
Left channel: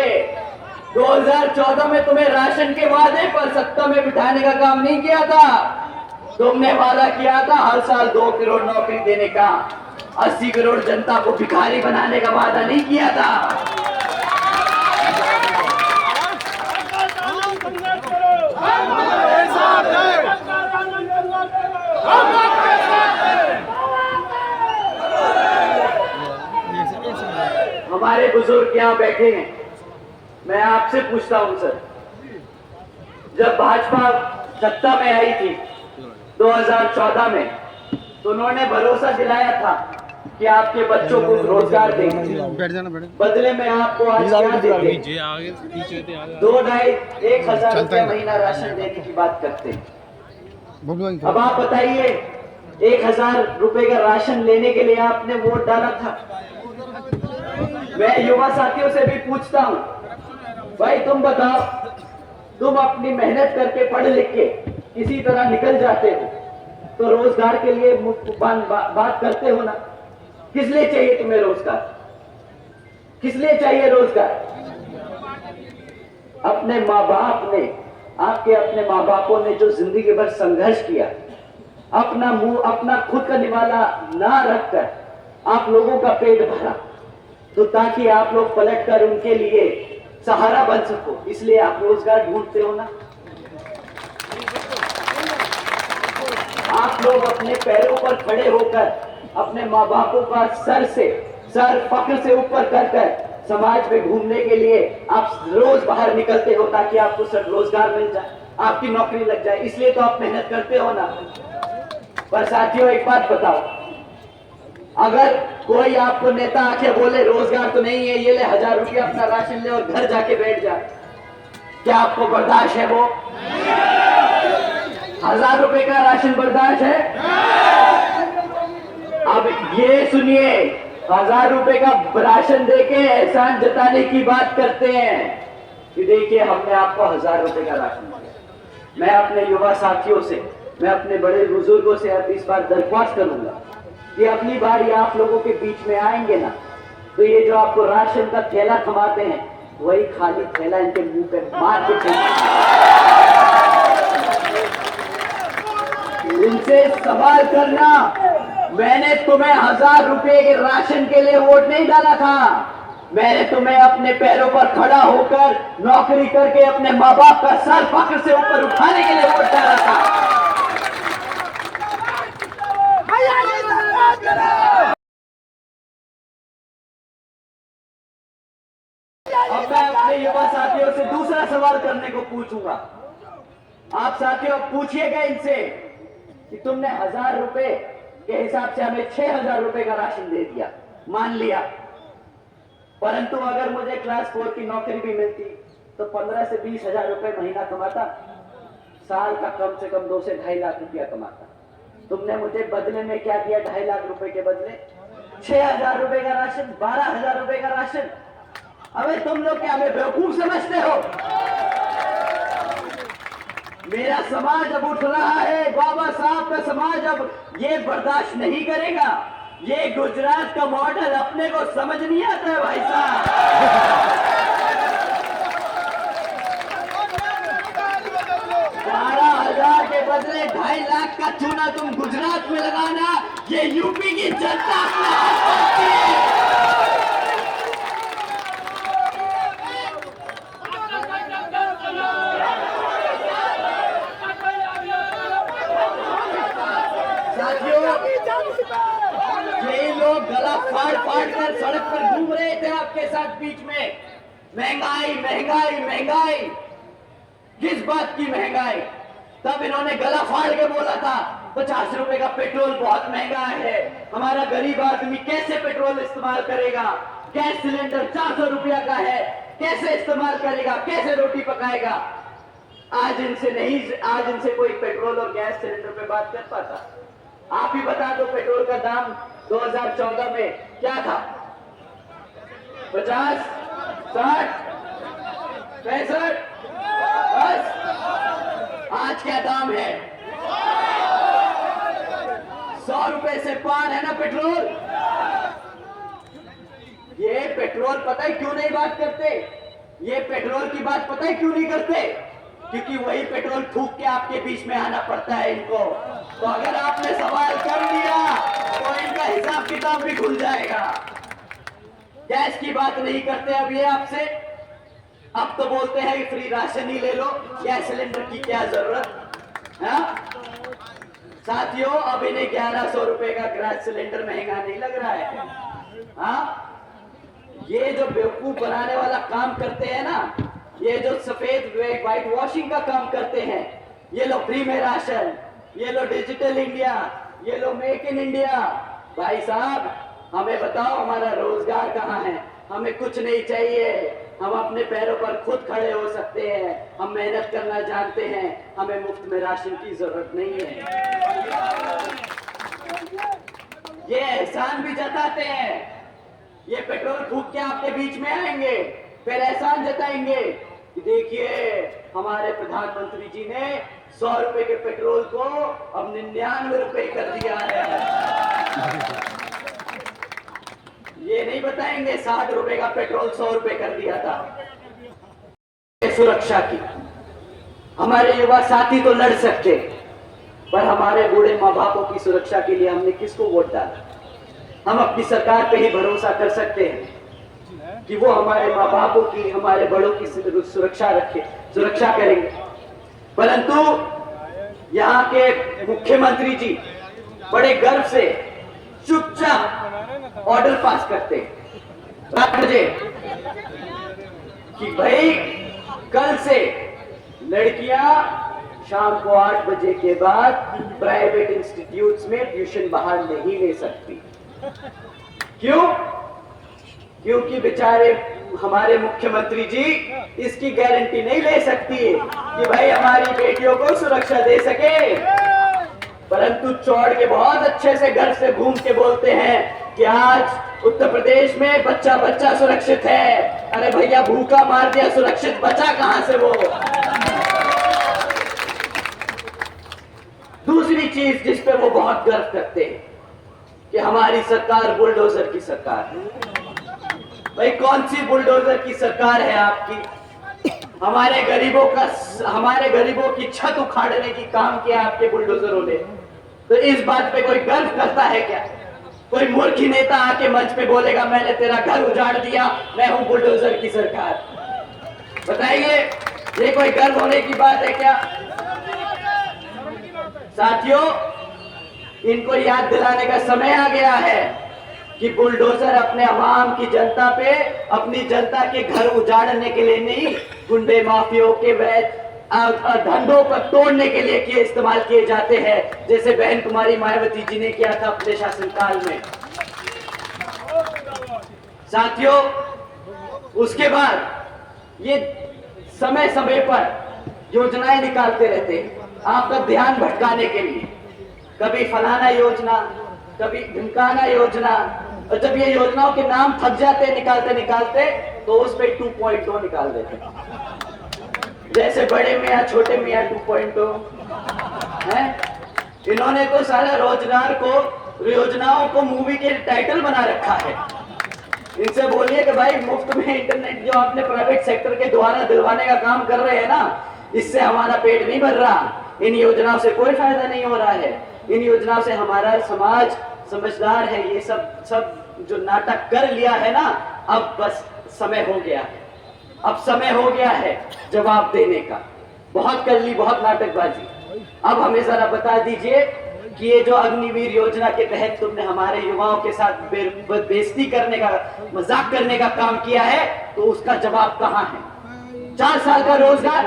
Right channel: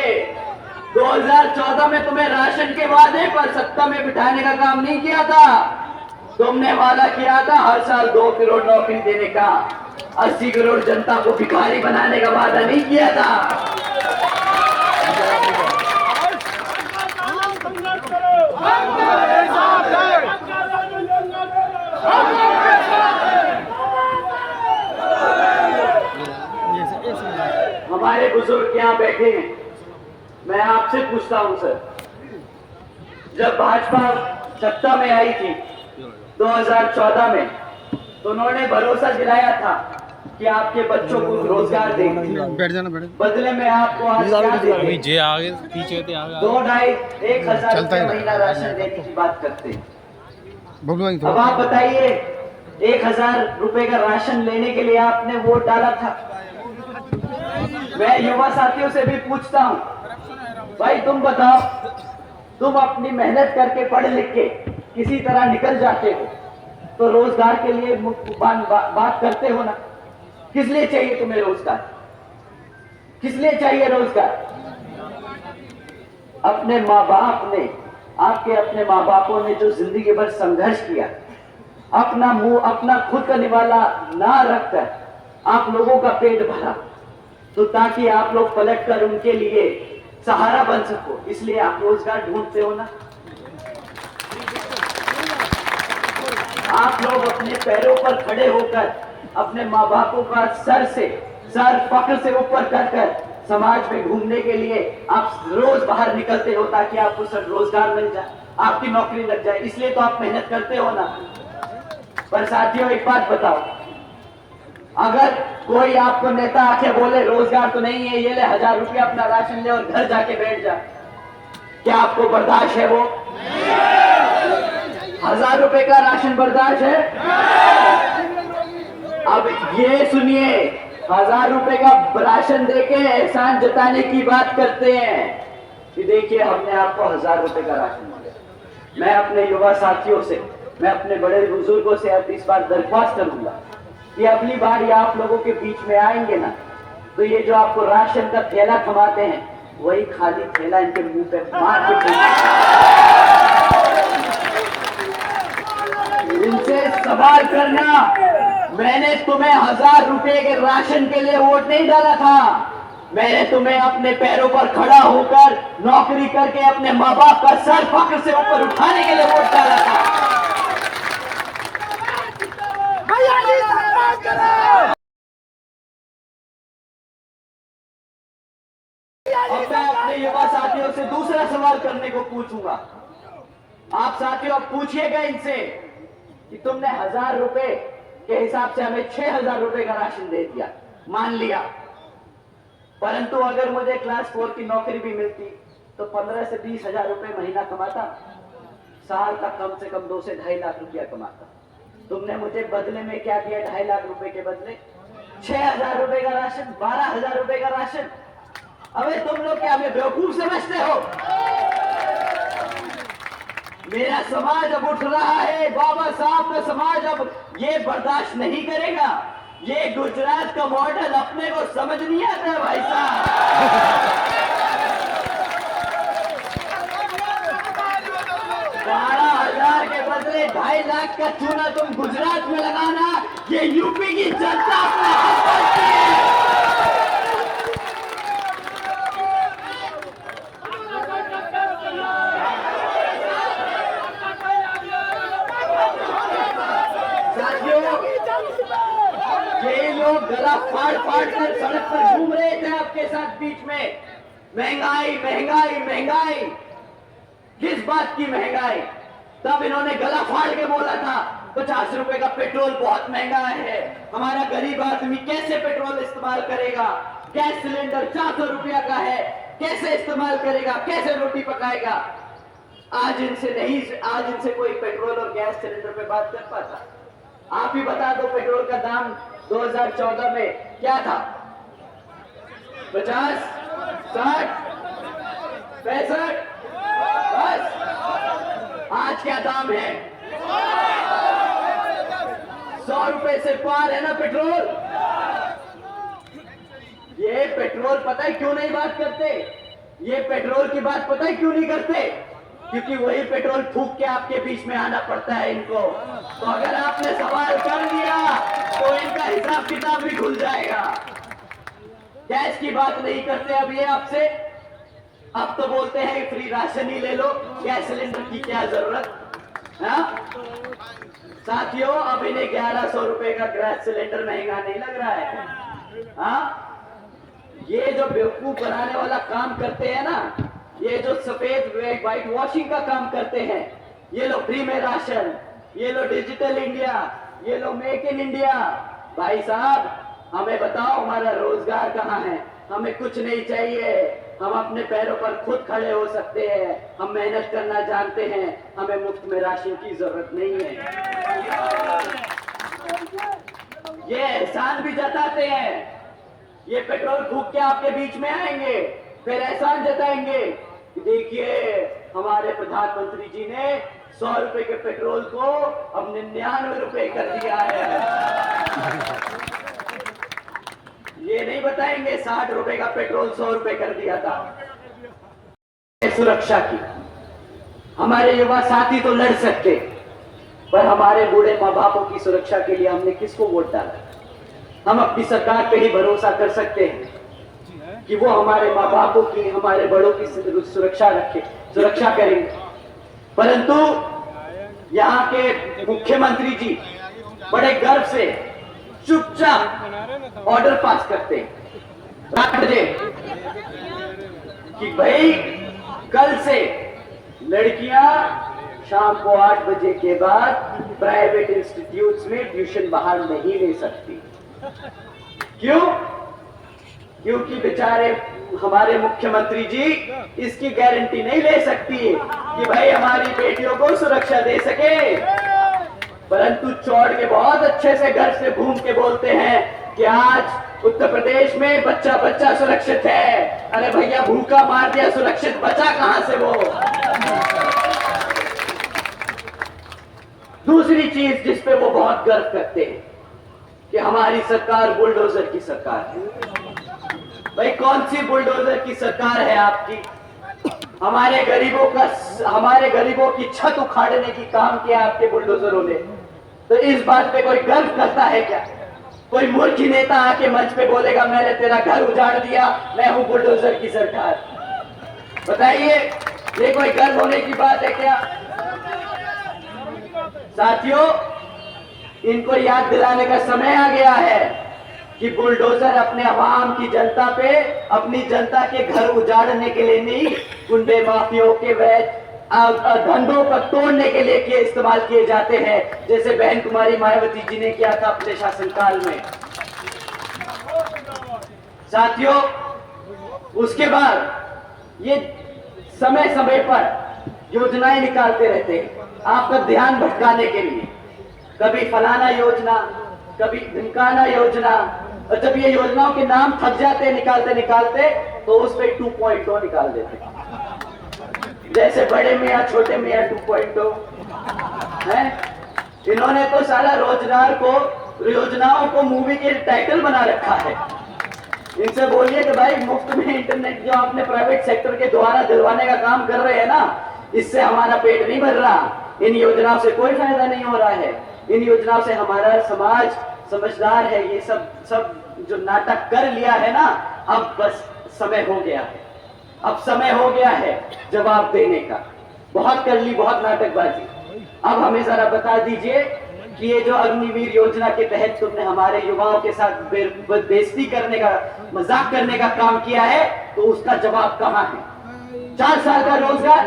2014 में तुम्हें राशन के वादे पर सत्ता में बिठाने का काम नहीं किया था। तुमने वादा किया था हर साल 2 करोड़ नौकरी देने का, 80 करोड़ जनता को भिखारी बनाने का वादा नहीं किया था। हमारे बुजुर्ग यहाँ बैठे हैं, मैं आपसे पूछता हूं सर, जब भाजपा सत्ता में आई थी 2014 में तो उन्होंने भरोसा दिलाया था कि आपके बच्चों को रोजगार देंगे। बैठ जाना बैठ। बदले में आपको आज क्या देंगे? 2,500-1,000 रुपया महीना राशन देने की बात करते हैं। अब आप बताइए, 1,000 रुपए का राशन लेने के लिए आपने वोट डाला था। मैं युवा साथियों से भी पूछता हूं, भाई तुम बताओ, तुम अपनी मेहनत करके पढ़ लिख के किसी तरह निकल जाते हो तो रोजगार के लिए बात करते हो ना? किस लिए चाहिए तुम्हें रोजगार? किस लिए चाहिए रोजगार? अपने माँ बाप ने, आपके अपने माँ बापों ने जो जिंदगी भर संघर्ष किया, अपना मुंह, अपना खुद का निवाला ना रखकर आप लोगों का पेट भरा, तो ताकि आप लोग पलट कर उनके लिए सहारा बन सको, इसलिए आप रोजगार ढूंढते हो ना? आप लोग अपने पैरों पर खड़े होकर अपने माँ बापों का सर फक्र से ऊपर कर समाज में घूमने के लिए आप रोज बाहर निकलते हो ताकि आपको सब रोजगार मिल जाए, आपकी नौकरी लग जाए, इसलिए तो आप मेहनत करते हो ना। पर साथियों, एक बात बताओ, अगर कोई आपको नेता आके बोले रोजगार तो नहीं है, ये ले 1,000 रुपया अपना राशन ले और घर जाके बैठ जा, क्या आपको बर्दाश्त है? वो 1,000 रुपए का राशन बर्दाश्त है? अब ये सुनिए, 1,000 रुपए का राशन देके एहसान जताने की बात करते हैं कि देखिए हमने आपको 1,000 रुपए का राशन दिया। मैं अपने युवा साथियों से, मैं अपने बड़े बुजुर्गों से अब इस बार दरख्वास्त करूंगा कि अगली बार ये आप लोगों के बीच में आएंगे ना, तो ये जो आपको राशन का थैला थमाते हैं वही खाली थैला इनके मुंह पे मार के इनसे सवाल करना, मैंने तुम्हें 1,000 रुपए के राशन के लिए वोट नहीं डाला था, मैंने तुम्हें अपने पैरों पर खड़ा होकर नौकरी करके अपने माँ बाप का सर फक्र से ऊपर उठाने के लिए वोट डाला था। अब मैं अपने युवा साथियों से दूसरा सवाल करने को पूछूंगा। आप साथियों अब पूछिएगा इनसे कि तुमने 1,000 रुपए के हिसाब से हमें 6,000 रुपए का राशन दे दिया, मान लिया, परंतु अगर मुझे क्लास 4 की नौकरी भी मिलती तो 15 से 20,000 रुपए महीना कमाता, साल का कम से कम 2 से 2.5 लाख रुपया कमाता। तुमने मुझे बदले में क्या दिया? 2.5 लाख रुपए के बदले 6,000 रुपए का राशन, 12,000 रुपए का राशन। अबे तुम लोग क्या हमें बेवकूफ समझते हो? मेरा समाज अब उठ रहा है, बाबा साहब का समाज अब ये बर्दाश्त नहीं करेगा। ये गुजरात का मॉडल अपने को समझ नहीं आता है भाई साहब। 12,000 के बदले 2.5 लाख का चूना तुम गुजरात में लगाना, ये यूपी की जनता अपने हाथ करती है। ये लोग गला फाड़ फाड़ कर सड़क पर घूम रहे थे आपके साथ बीच में। महंगाई महंगाई महंगाई, किस बात की महंगाई? तब इन्होंने गला फाड़ के बोला था 50 रुपए का पेट्रोल बहुत महंगा है, हमारा गरीब आदमी कैसे पेट्रोल इस्तेमाल करेगा? गैस सिलेंडर 400 रुपया का है, कैसे इस्तेमाल करेगा, कैसे रोटी पकाएगा? आज इनसे कोई पेट्रोल और गैस सिलेंडर पे बात कर पाता? आप ही बता दो, पेट्रोल का दाम 2014 में क्या था? 50, 60, 65, बस। आज क्या दाम है? 100 रुपए से पार है ना पेट्रोल। ये पेट्रोल पता है क्यों नहीं बात करते? ये पेट्रोल की बात पता है क्यों नहीं करते? क्योंकि वही पेट्रोल फूंक के आपके बीच में आना पड़ता है इनको। तो अगर आपने सवाल कर लिया तो इनका हिसाब किताब भी खुल जाएगा। गैस की बात नहीं करते अब ये आपसे, अब तो बोलते हैं फ्री राशन ही ले लो, गैस सिलेंडर की क्या जरूरत है? साथियों, अब इन्हें 1100 रुपए का गैस सिलेंडर महंगा नहीं लग रहा है। हाँ, ये जो बेवकूफ बनाने वाला काम करते हैं ना, ये जो सफेद व्हाइट वॉशिंग का काम करते हैं, ये लो फ्री में राशन, ये लो डिजिटल इंडिया, ये लो मेक इन इंडिया। भाई साहब, हमें बताओ हमारा रोजगार कहाँ है? हमें कुछ नहीं चाहिए, हम अपने पैरों पर खुद खड़े हो सकते हैं, हम मेहनत करना जानते हैं, हमें मुफ्त में राशन की जरूरत नहीं है। ये एहसान भी जताते हैं, ये पेट्रोल फूंक के आपके बीच में आएंगे, फिर एहसान जताएंगे कि देखिए हमारे प्रधानमंत्री जी ने 100 रुपए के पेट्रोल को अब 99 रुपए कर दिया है। ये नहीं बताएंगे 60 रुपए का पेट्रोल 100 रुपए कर दिया था। सुरक्षा की हमारे युवा साथी तो लड़ सकते, पर हमारे बूढ़े माँ बापों की सुरक्षा के लिए हमने किसको वोट डाला? हम अपनी सरकार पे ही भरोसा कर सकते हैं कि वो हमारे माँ बापों की, हमारे बड़ों की सुरक्षा करेंगे। परंतु यहाँ के मुख्यमंत्री जी बड़े गर्व से चुपचाप ऑर्डर पास करते हैं 8 बजे कि भाई कल से लड़कियां शाम को 8 बजे के बाद प्राइवेट इंस्टीट्यूट्स में ट्यूशन बाहर नहीं ले सकती। क्यों? क्योंकि बेचारे हमारे मुख्यमंत्री जी इसकी गारंटी नहीं ले सकती कि भाई हमारी बेटियों को सुरक्षा दे सके, परंतु चौड़ के बहुत अच्छे से घर से घूम के बोलते हैं कि आज उत्तर प्रदेश में बच्चा बच्चा सुरक्षित है। अरे भैया, भूखा मार दिया, सुरक्षित बचा कहां से वो? दूसरी चीज जिस पे वो बहुत गर्व करते हैं कि हमारी सरकार बुलडोजर की सरकार है। भाई, कौन सी बुलडोजर की सरकार है आपकी? हमारे गरीबों की छत उखाड़ने की काम किया आपके बुलडोजरों ने। तो इस बात पे कोई गर्व करता है क्या? कोई मूर्ख नेता आके मंच पे बोलेगा मैंने तेरा घर उजाड़ दिया, मैं हूं बुलडोजर की सरकार? बताइए, ये कोई गर्व होने की बात है क्या? साथियों, इनको याद दिलाने का समय आ गया है कि बुलडोजर अपने आवाम की जनता पे, अपनी जनता के घर उजाड़ने के लिए नहीं, गुंडे माफियों के वैध धंधों पर तोड़ने के लिए इस्तेमाल किए जाते हैं, जैसे बहन कुमारी मायावती जी ने किया था अपने शासनकाल में। साथियों, उसके बाद ये समय समय पर योजनाएं निकालते रहते हैं आपका ध्यान भटकाने के लिए। कभी फलाना योजना, कभी ढिमकाना योजना, और जब ये योजनाओं के नाम थक जाते निकालते निकालते तो उस पे 2.0 निकाल देते। जैसे बड़े मियाँ छोटे मियाँ 2.0 हैं। इन्होंने तो सारा रोजगार को, योजनाओं को मूवी के टाइटल बना रखा है। इनसे बोलिए कि भाई मुफ्त में इंटरनेट जो आपने प्राइवेट सेक्टर के द्वारा दिलवाने का काम कर रहे हैं ना, इससे हमारा पेट नहीं भर रहा। इन योजनाओं से कोई फायदा नहीं हो रहा है। इन योजनाओं से हमारा समाज समझदार है। ये सब जो नाटक कर लिया है ना, अब बस समय हो गया है। अब समय हो गया है जवाब देने का। बहुत कर ली, बहुत नाटकबाजी। अब हमें जरा बता दीजिए कि ये जो अग्निवीर योजना के तहत तुमने हमारे युवाओं के साथ बेइज्जती करने का, मजाक करने का काम किया है, तो उसका जवाब कहां है? 4 साल का रोजगार,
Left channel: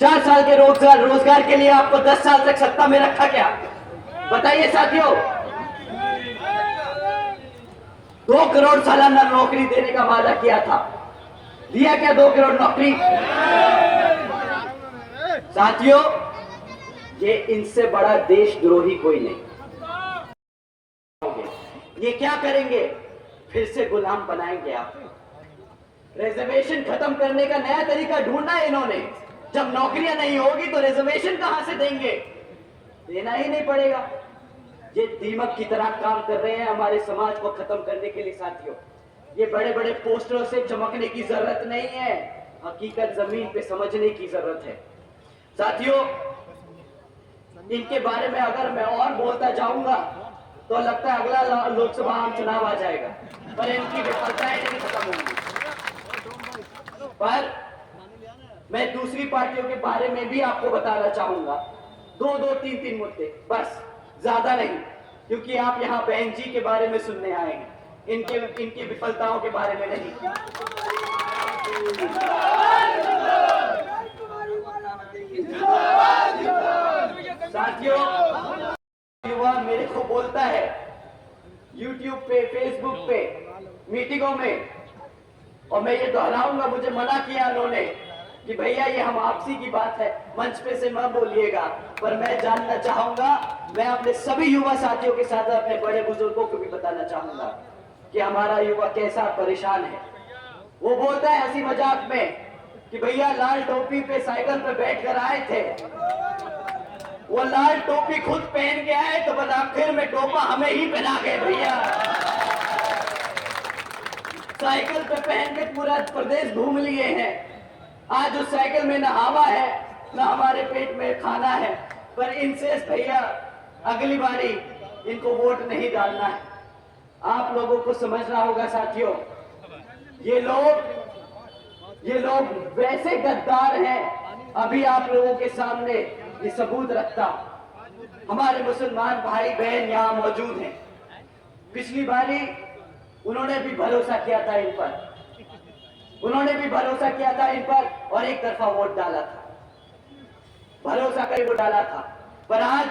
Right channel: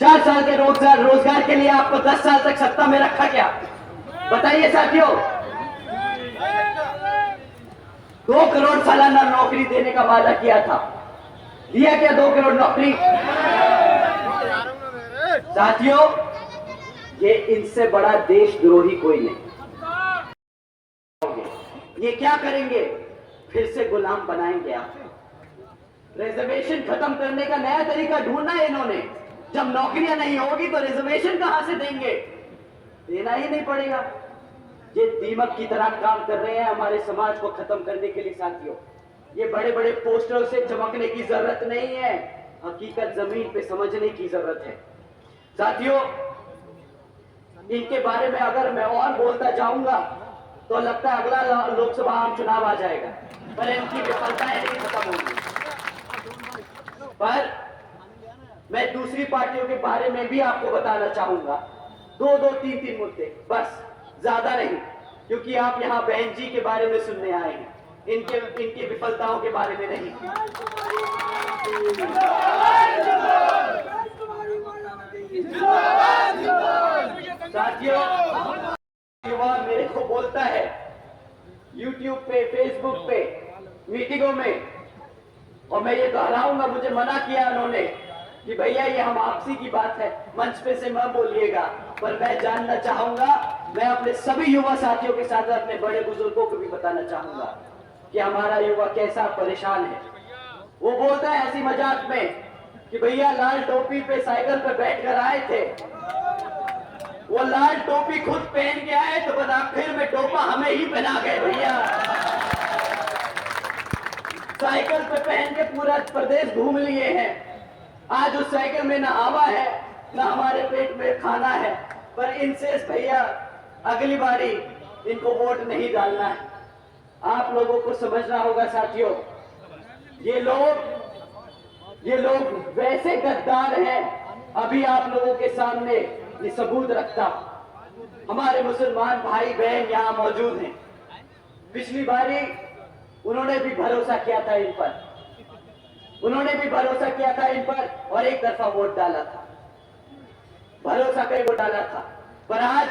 4 साल के रोजगार के लिए आपको 10 साल तक सत्ता में रखा क्या? बताइए साथियों। 2 करोड़ सालाना नौकरी देने का वादा किया था, दिया क्या 2 करोड़ नौकरी? साथियों, ये इनसे बड़ा देशद्रोही कोई नहीं। ये क्या करेंगे? फिर से गुलाम बनाएंगे आप। रिजर्वेशन खत्म करने का नया तरीका ढूंढना है इन्होंने। जब नौकरियां नहीं होगी तो रिजर्वेशन कहां से देंगे? देना ही नहीं पड़ेगा। ये दीमक की तरह काम कर रहे हैं हमारे समाज को खत्म करने के लिए। साथियों, ये बड़े बड़े पोस्टरों से चमकने की जरूरत नहीं है, हकीकत जमीन पे समझने की जरूरत है। साथियों, इनके बारे में अगर मैं और बोलता जाऊंगा तो लगता है अगला लोकसभा आम चुनाव आ जाएगा, पर इनकी विफलताएं नहीं खत्म होंगी। पर मैं दूसरी पार्टियों के बारे में भी आपको बताना चाहूंगा। 2-3 मुद्दे बस, ज्यादा नहीं, क्योंकि आप यहाँ बहन जी के बारे में सुनने आए हैं, इनकी विफलताओं के बारे में नहीं। साथियों, युवा मेरे को बोलता है YouTube पे, Facebook पे, मीटिंगों में, और मैं ये दोहराऊंगा, मुझे मना किया उन्होंने कि भैया ये हम आपसी की बात है, मंच पे से मत बोलिएगा। पर मैं जानना चाहूंगा, मैं अपने सभी युवा साथियों के साथ अपने बड़े बुजुर्गों को भी बताना चाहूंगा कि हमारा युवा कैसा परेशान है। वो बोलता है हंसी मजाक में कि भैया लाल टोपी पे साइकिल पे बैठ कर आए थे, वो लाल टोपी खुद पहन के आए तो बस आखिर में टोपा हमें ही पहना गए भैया। साइकिल पे पहन के पूरा प्रदेश घूम लिए हैं। आज उस साइकिल में ना हवा है ना हमारे पेट में खाना है। पर इनसे भैया अगली बारी इनको वोट नहीं डालना है। आप लोगों को समझना होगा साथियों, ये लोग वैसे गद्दार हैं। अभी आप लोगों के सामने ये सबूत रखता, हमारे मुसलमान भाई बहन यहाँ मौजूद हैं। पिछली बारी उन्होंने भी भरोसा किया था इन पर, और एक तरफा वोट डाला था, भरोसा का ही वोट डाला था। पर आज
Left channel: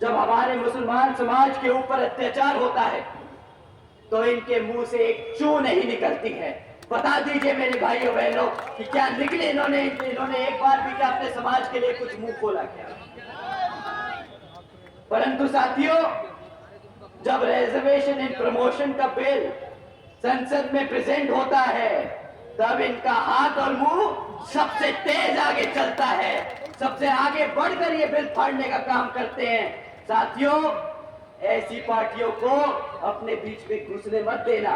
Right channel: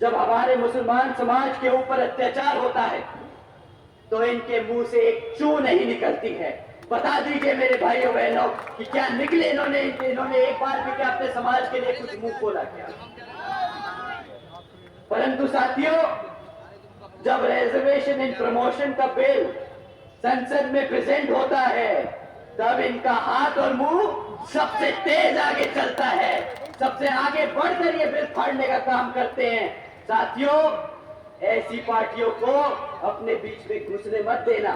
जब हमारे मुसलमान समाज के ऊपर अत्याचार होता है तो इनके मुंह से एक चू नहीं निकलती है। बता दीजिए मेरे भाइयों बहनों कि क्या निकले इन्होंने एक बार भी क्या अपने समाज के लिए कुछ मुंह खोला क्या? परंतु साथियों, जब रिजर्वेशन इन प्रमोशन का बिल संसद में प्रेजेंट होता है, तब इनका हाथ और मुंह सबसे तेज आगे चलता है, सबसे आगे बढ़कर ये बिल फाड़ने का काम करते हैं। साथियों, ऐसी पार्टियों को अपने बीच में घुसने मत देना।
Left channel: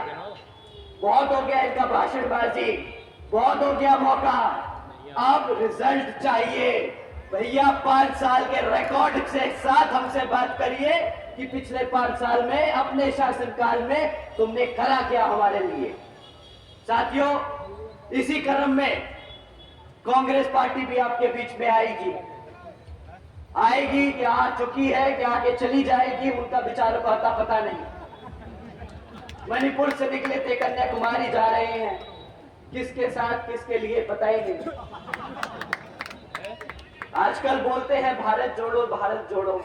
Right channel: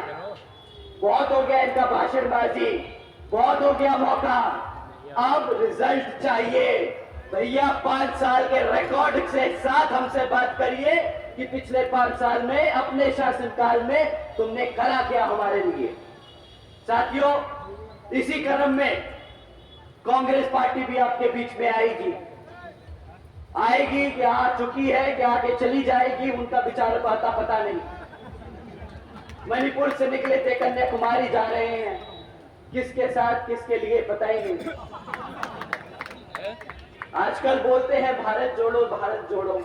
बहुत हो गया इनका भाषणबाजी, बहुत हो गया मौका, अब रिजल्ट चाहिए भैया। 5 साल के रिकॉर्ड के साथ हमसे बात करिए कि पिछले 5 साल में अपने शासनकाल में तुमने करा क्या हमारे लिए। साथियों, इसी क्रम में कांग्रेस पार्टी भी आपके बीच में आएगी कि आ चुकी है कि आगे चली जाएगी, उनका विचार पता नहीं। मणिपुर से निकले थे, कन्याकुमारी जा रहे हैं, किसके साथ किसके लिए पता ही नहीं। आजकल बोलते हैं भारत जोड़ो भारत जोड़ो।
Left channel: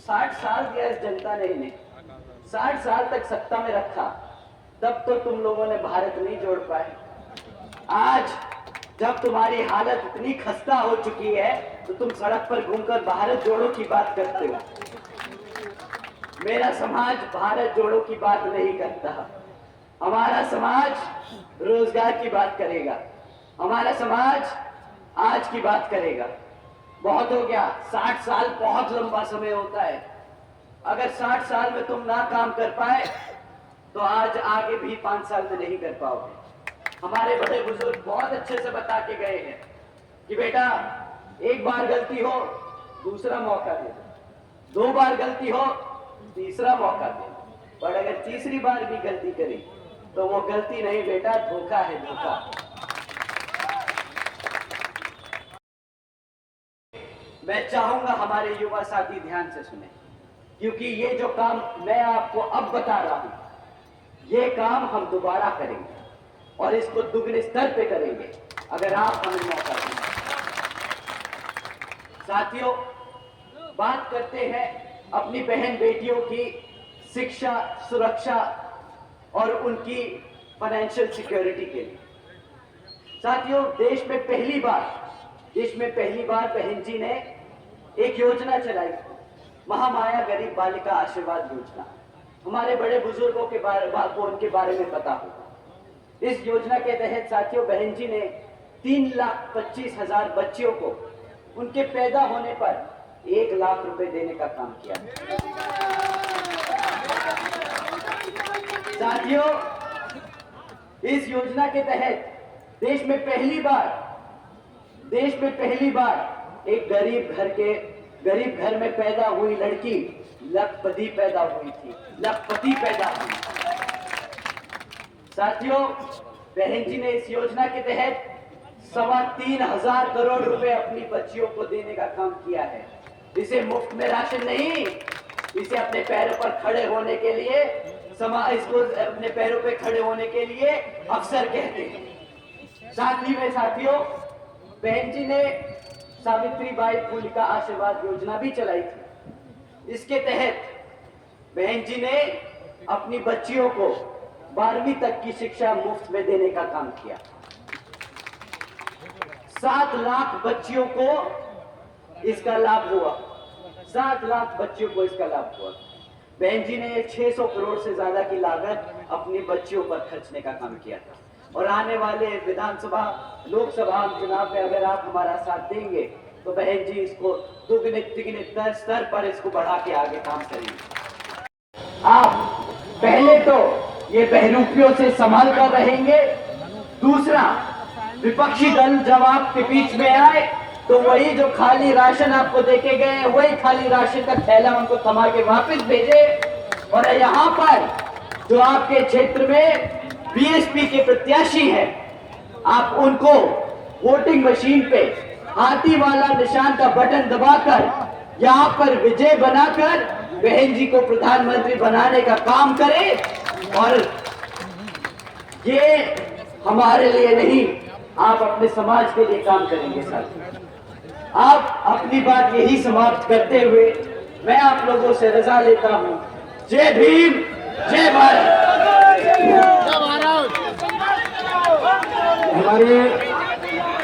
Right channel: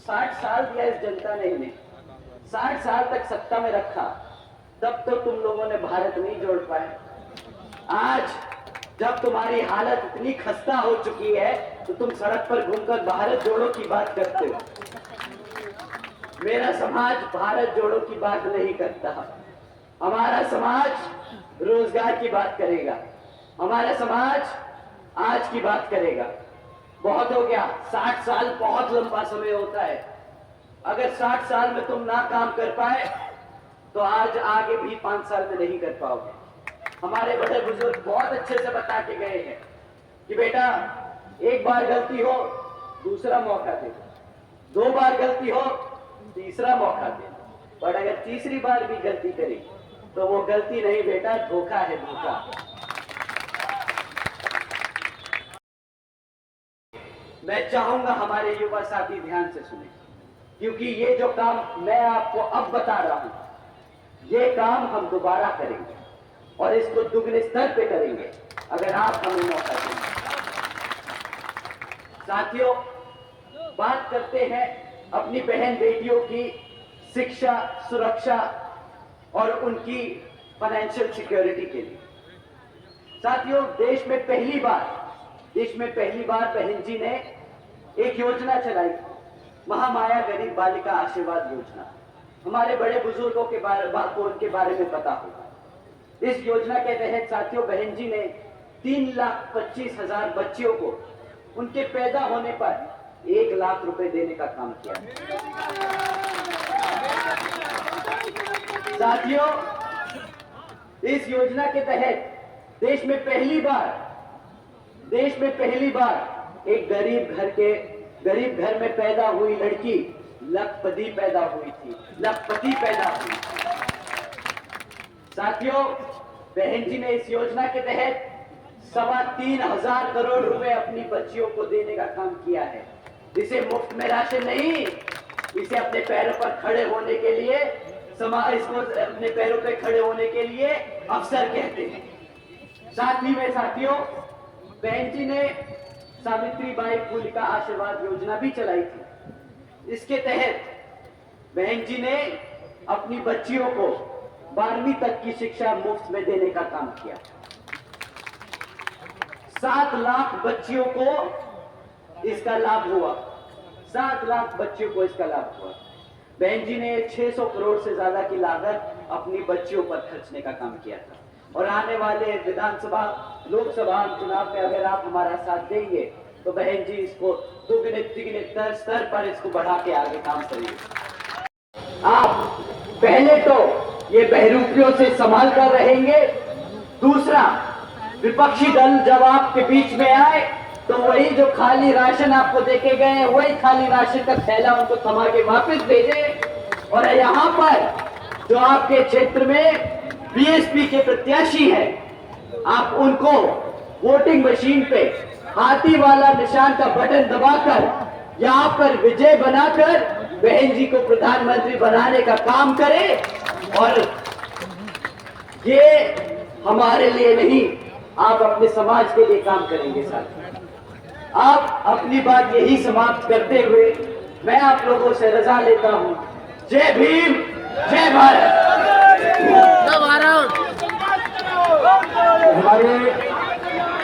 60 साल दिया इस जनता ने इन्हें, 60 साल तक सत्ता में रखा, तब तो तुम लोगों ने भारत नहीं जोड़ पाए। आज जब तुम्हारी हालत इतनी खस्ता हो चुकी है तो तुम सड़क पर घूमकर भारत जोड़ो की बात करते हो। मेरा समाज भारत जोड़ो की बात नहीं करता, हमारा समाज रोजगार की बात करेगा। हमारा समाज आज की बात करेगा। बहुत हो गया, 60 साल बहुत लंबा समय होता है। अगर 60 साल में तुम ना काम कर पाए तो आज आगे भी 5 साल में नहीं कर पाओगे। हमारे बड़े बुजुर्ग बहुत अच्छे से बता के गए हैं कि बेटा, एक बार गलती हो दूसरा मौका दे, 2 बार गलती हो तीसरा मौका दे, पर अगर तीसरी बार भी गलती करी तो वो गलती नहीं बेटा, धोखा है, धोखा। मैं चाहूंगा हमारे युवा साथी ध्यान से सुने, क्योंकि ये जो काम मैं आपको अब बता रहा हूं, ये काम हम दोबारा करेंगे और इसको दुगने स्तर पे करेंगे अगर आप हमें मौका देंगे। साथियों, बात करते हैं अपनी बहन बेटियों की शिक्षा, सुरक्षा और उनकी फाइनेंशियल सिक्योरिटी के लिए। साथियों, देश में पहली बार बहन जी ने एक योजना चलाई, महामाया गरीब बालिका आशीर्वाद योजना। हमारे बड़े बुजुर्गों के बारे में पता होगा। इस योजना के तहत साथियों, बहन जी ने 3,25,000 बच्चियों को उनके पैदा होने पर 1 लाख रुपए देने का काम किया। साथियों, इस योजना के तहत देश में पहली बार एक गरीब घर में पैदा हुई लड़की लखपति पैदा हुई थी। साथियों, बहन जी ने इस योजना के तहत 3,25,000 करोड़ रुपए अपनी बच्चियों को देने का काम किया है। इसे मुफ्त में राशन नहीं, इसे अपने पैरों पर खड़े होने के लिए इसको अपने पैरों पर खड़े होने के लिए अवसर कहते हैं। साथ ही में साथियों, बहन जी ने सावित्रीबाई फुले का आशीर्वाद योजना भी चलाई थी। इसके तहत बहन जी ने अपनी बच्चियों को 12वीं तक की शिक्षा मुफ्त में देने का काम किया। 7 लाख बच्चियों को इसका लाभ हुआ। 7 लाख बच्चियों को इसका लाभ हुआ। बहन जी ने 600 करोड़ से ज्यादा की लागत अपनी बच्चियों पर खर्चने का काम किया था। और आने वाले विधानसभा, लोकसभा चुनाव में अगर आप हमारा साथ देंगे तो बहन जी इसको दुगने तिगने स्तर पर इसको बढ़ा के आगे काम करेंगे। आप पहले तो ये बहरूपियों से संभाल कर रहेंगे, दूसरा विपक्षी दल जब आपके बीच में आए तो वही जो खाली राशन आपको देके गए, वही खाली राशन का थैला उनको थमा के वापस भेजे। और यहाँ पर जो आपके क्षेत्र में बीएसपी के प्रत्याशी हैं, आप उनको वोटिंग मशीन पे हाथी वाला निशान का बटन दबाकर यहाँ पर विजय बनाकर बहन जी को प्रधानमंत्री बनाने का काम करें। और ये हमारे लिए नहीं, आप अपने समाज के लिए काम करेंगे। साथ आप अपनी बात यही समाप्त करते हुए मैं आप लोगों से रजा लेता हूं। जय भीम, जय भारत। हमारे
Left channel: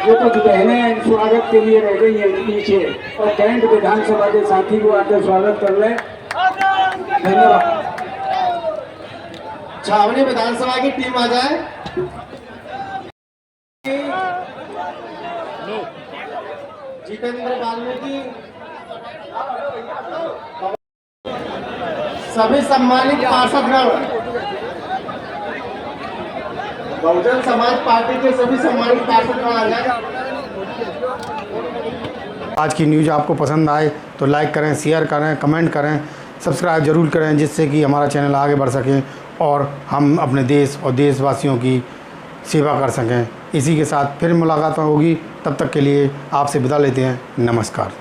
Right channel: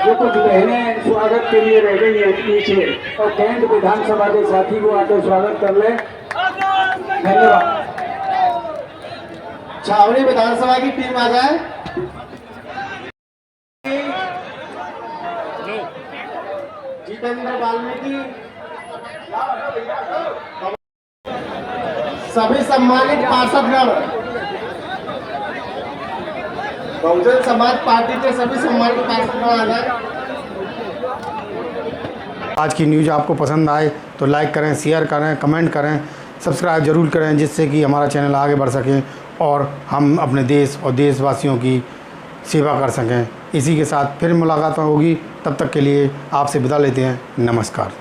जो कुछ बहनें स्वागत के लिए रह गई है पीछे, और कैंट विधानसभा के साथी को आकर स्वागत कर ले। धन्यवाद। छावनी विधानसभा की टीम आ जाए। जितेंद्र वाल्मीकि, सभी सम्मानित पार्षदगण, बहुजन समाज पार्टी के सभी सम्मानित पार्षदगण आ जाए। आज की न्यूज़ आपको पसंद आए तो लाइक करें, शेयर करें, कमेंट करें, सब्सक्राइब जरूर करें, जिससे कि हमारा चैनल आगे बढ़ सके और हम अपने देश और देशवासियों की सेवा कर सकें। इसी के साथ फिर मुलाकात होगी, तब तक के लिए आपसे विदा लेते हैं। नमस्कार।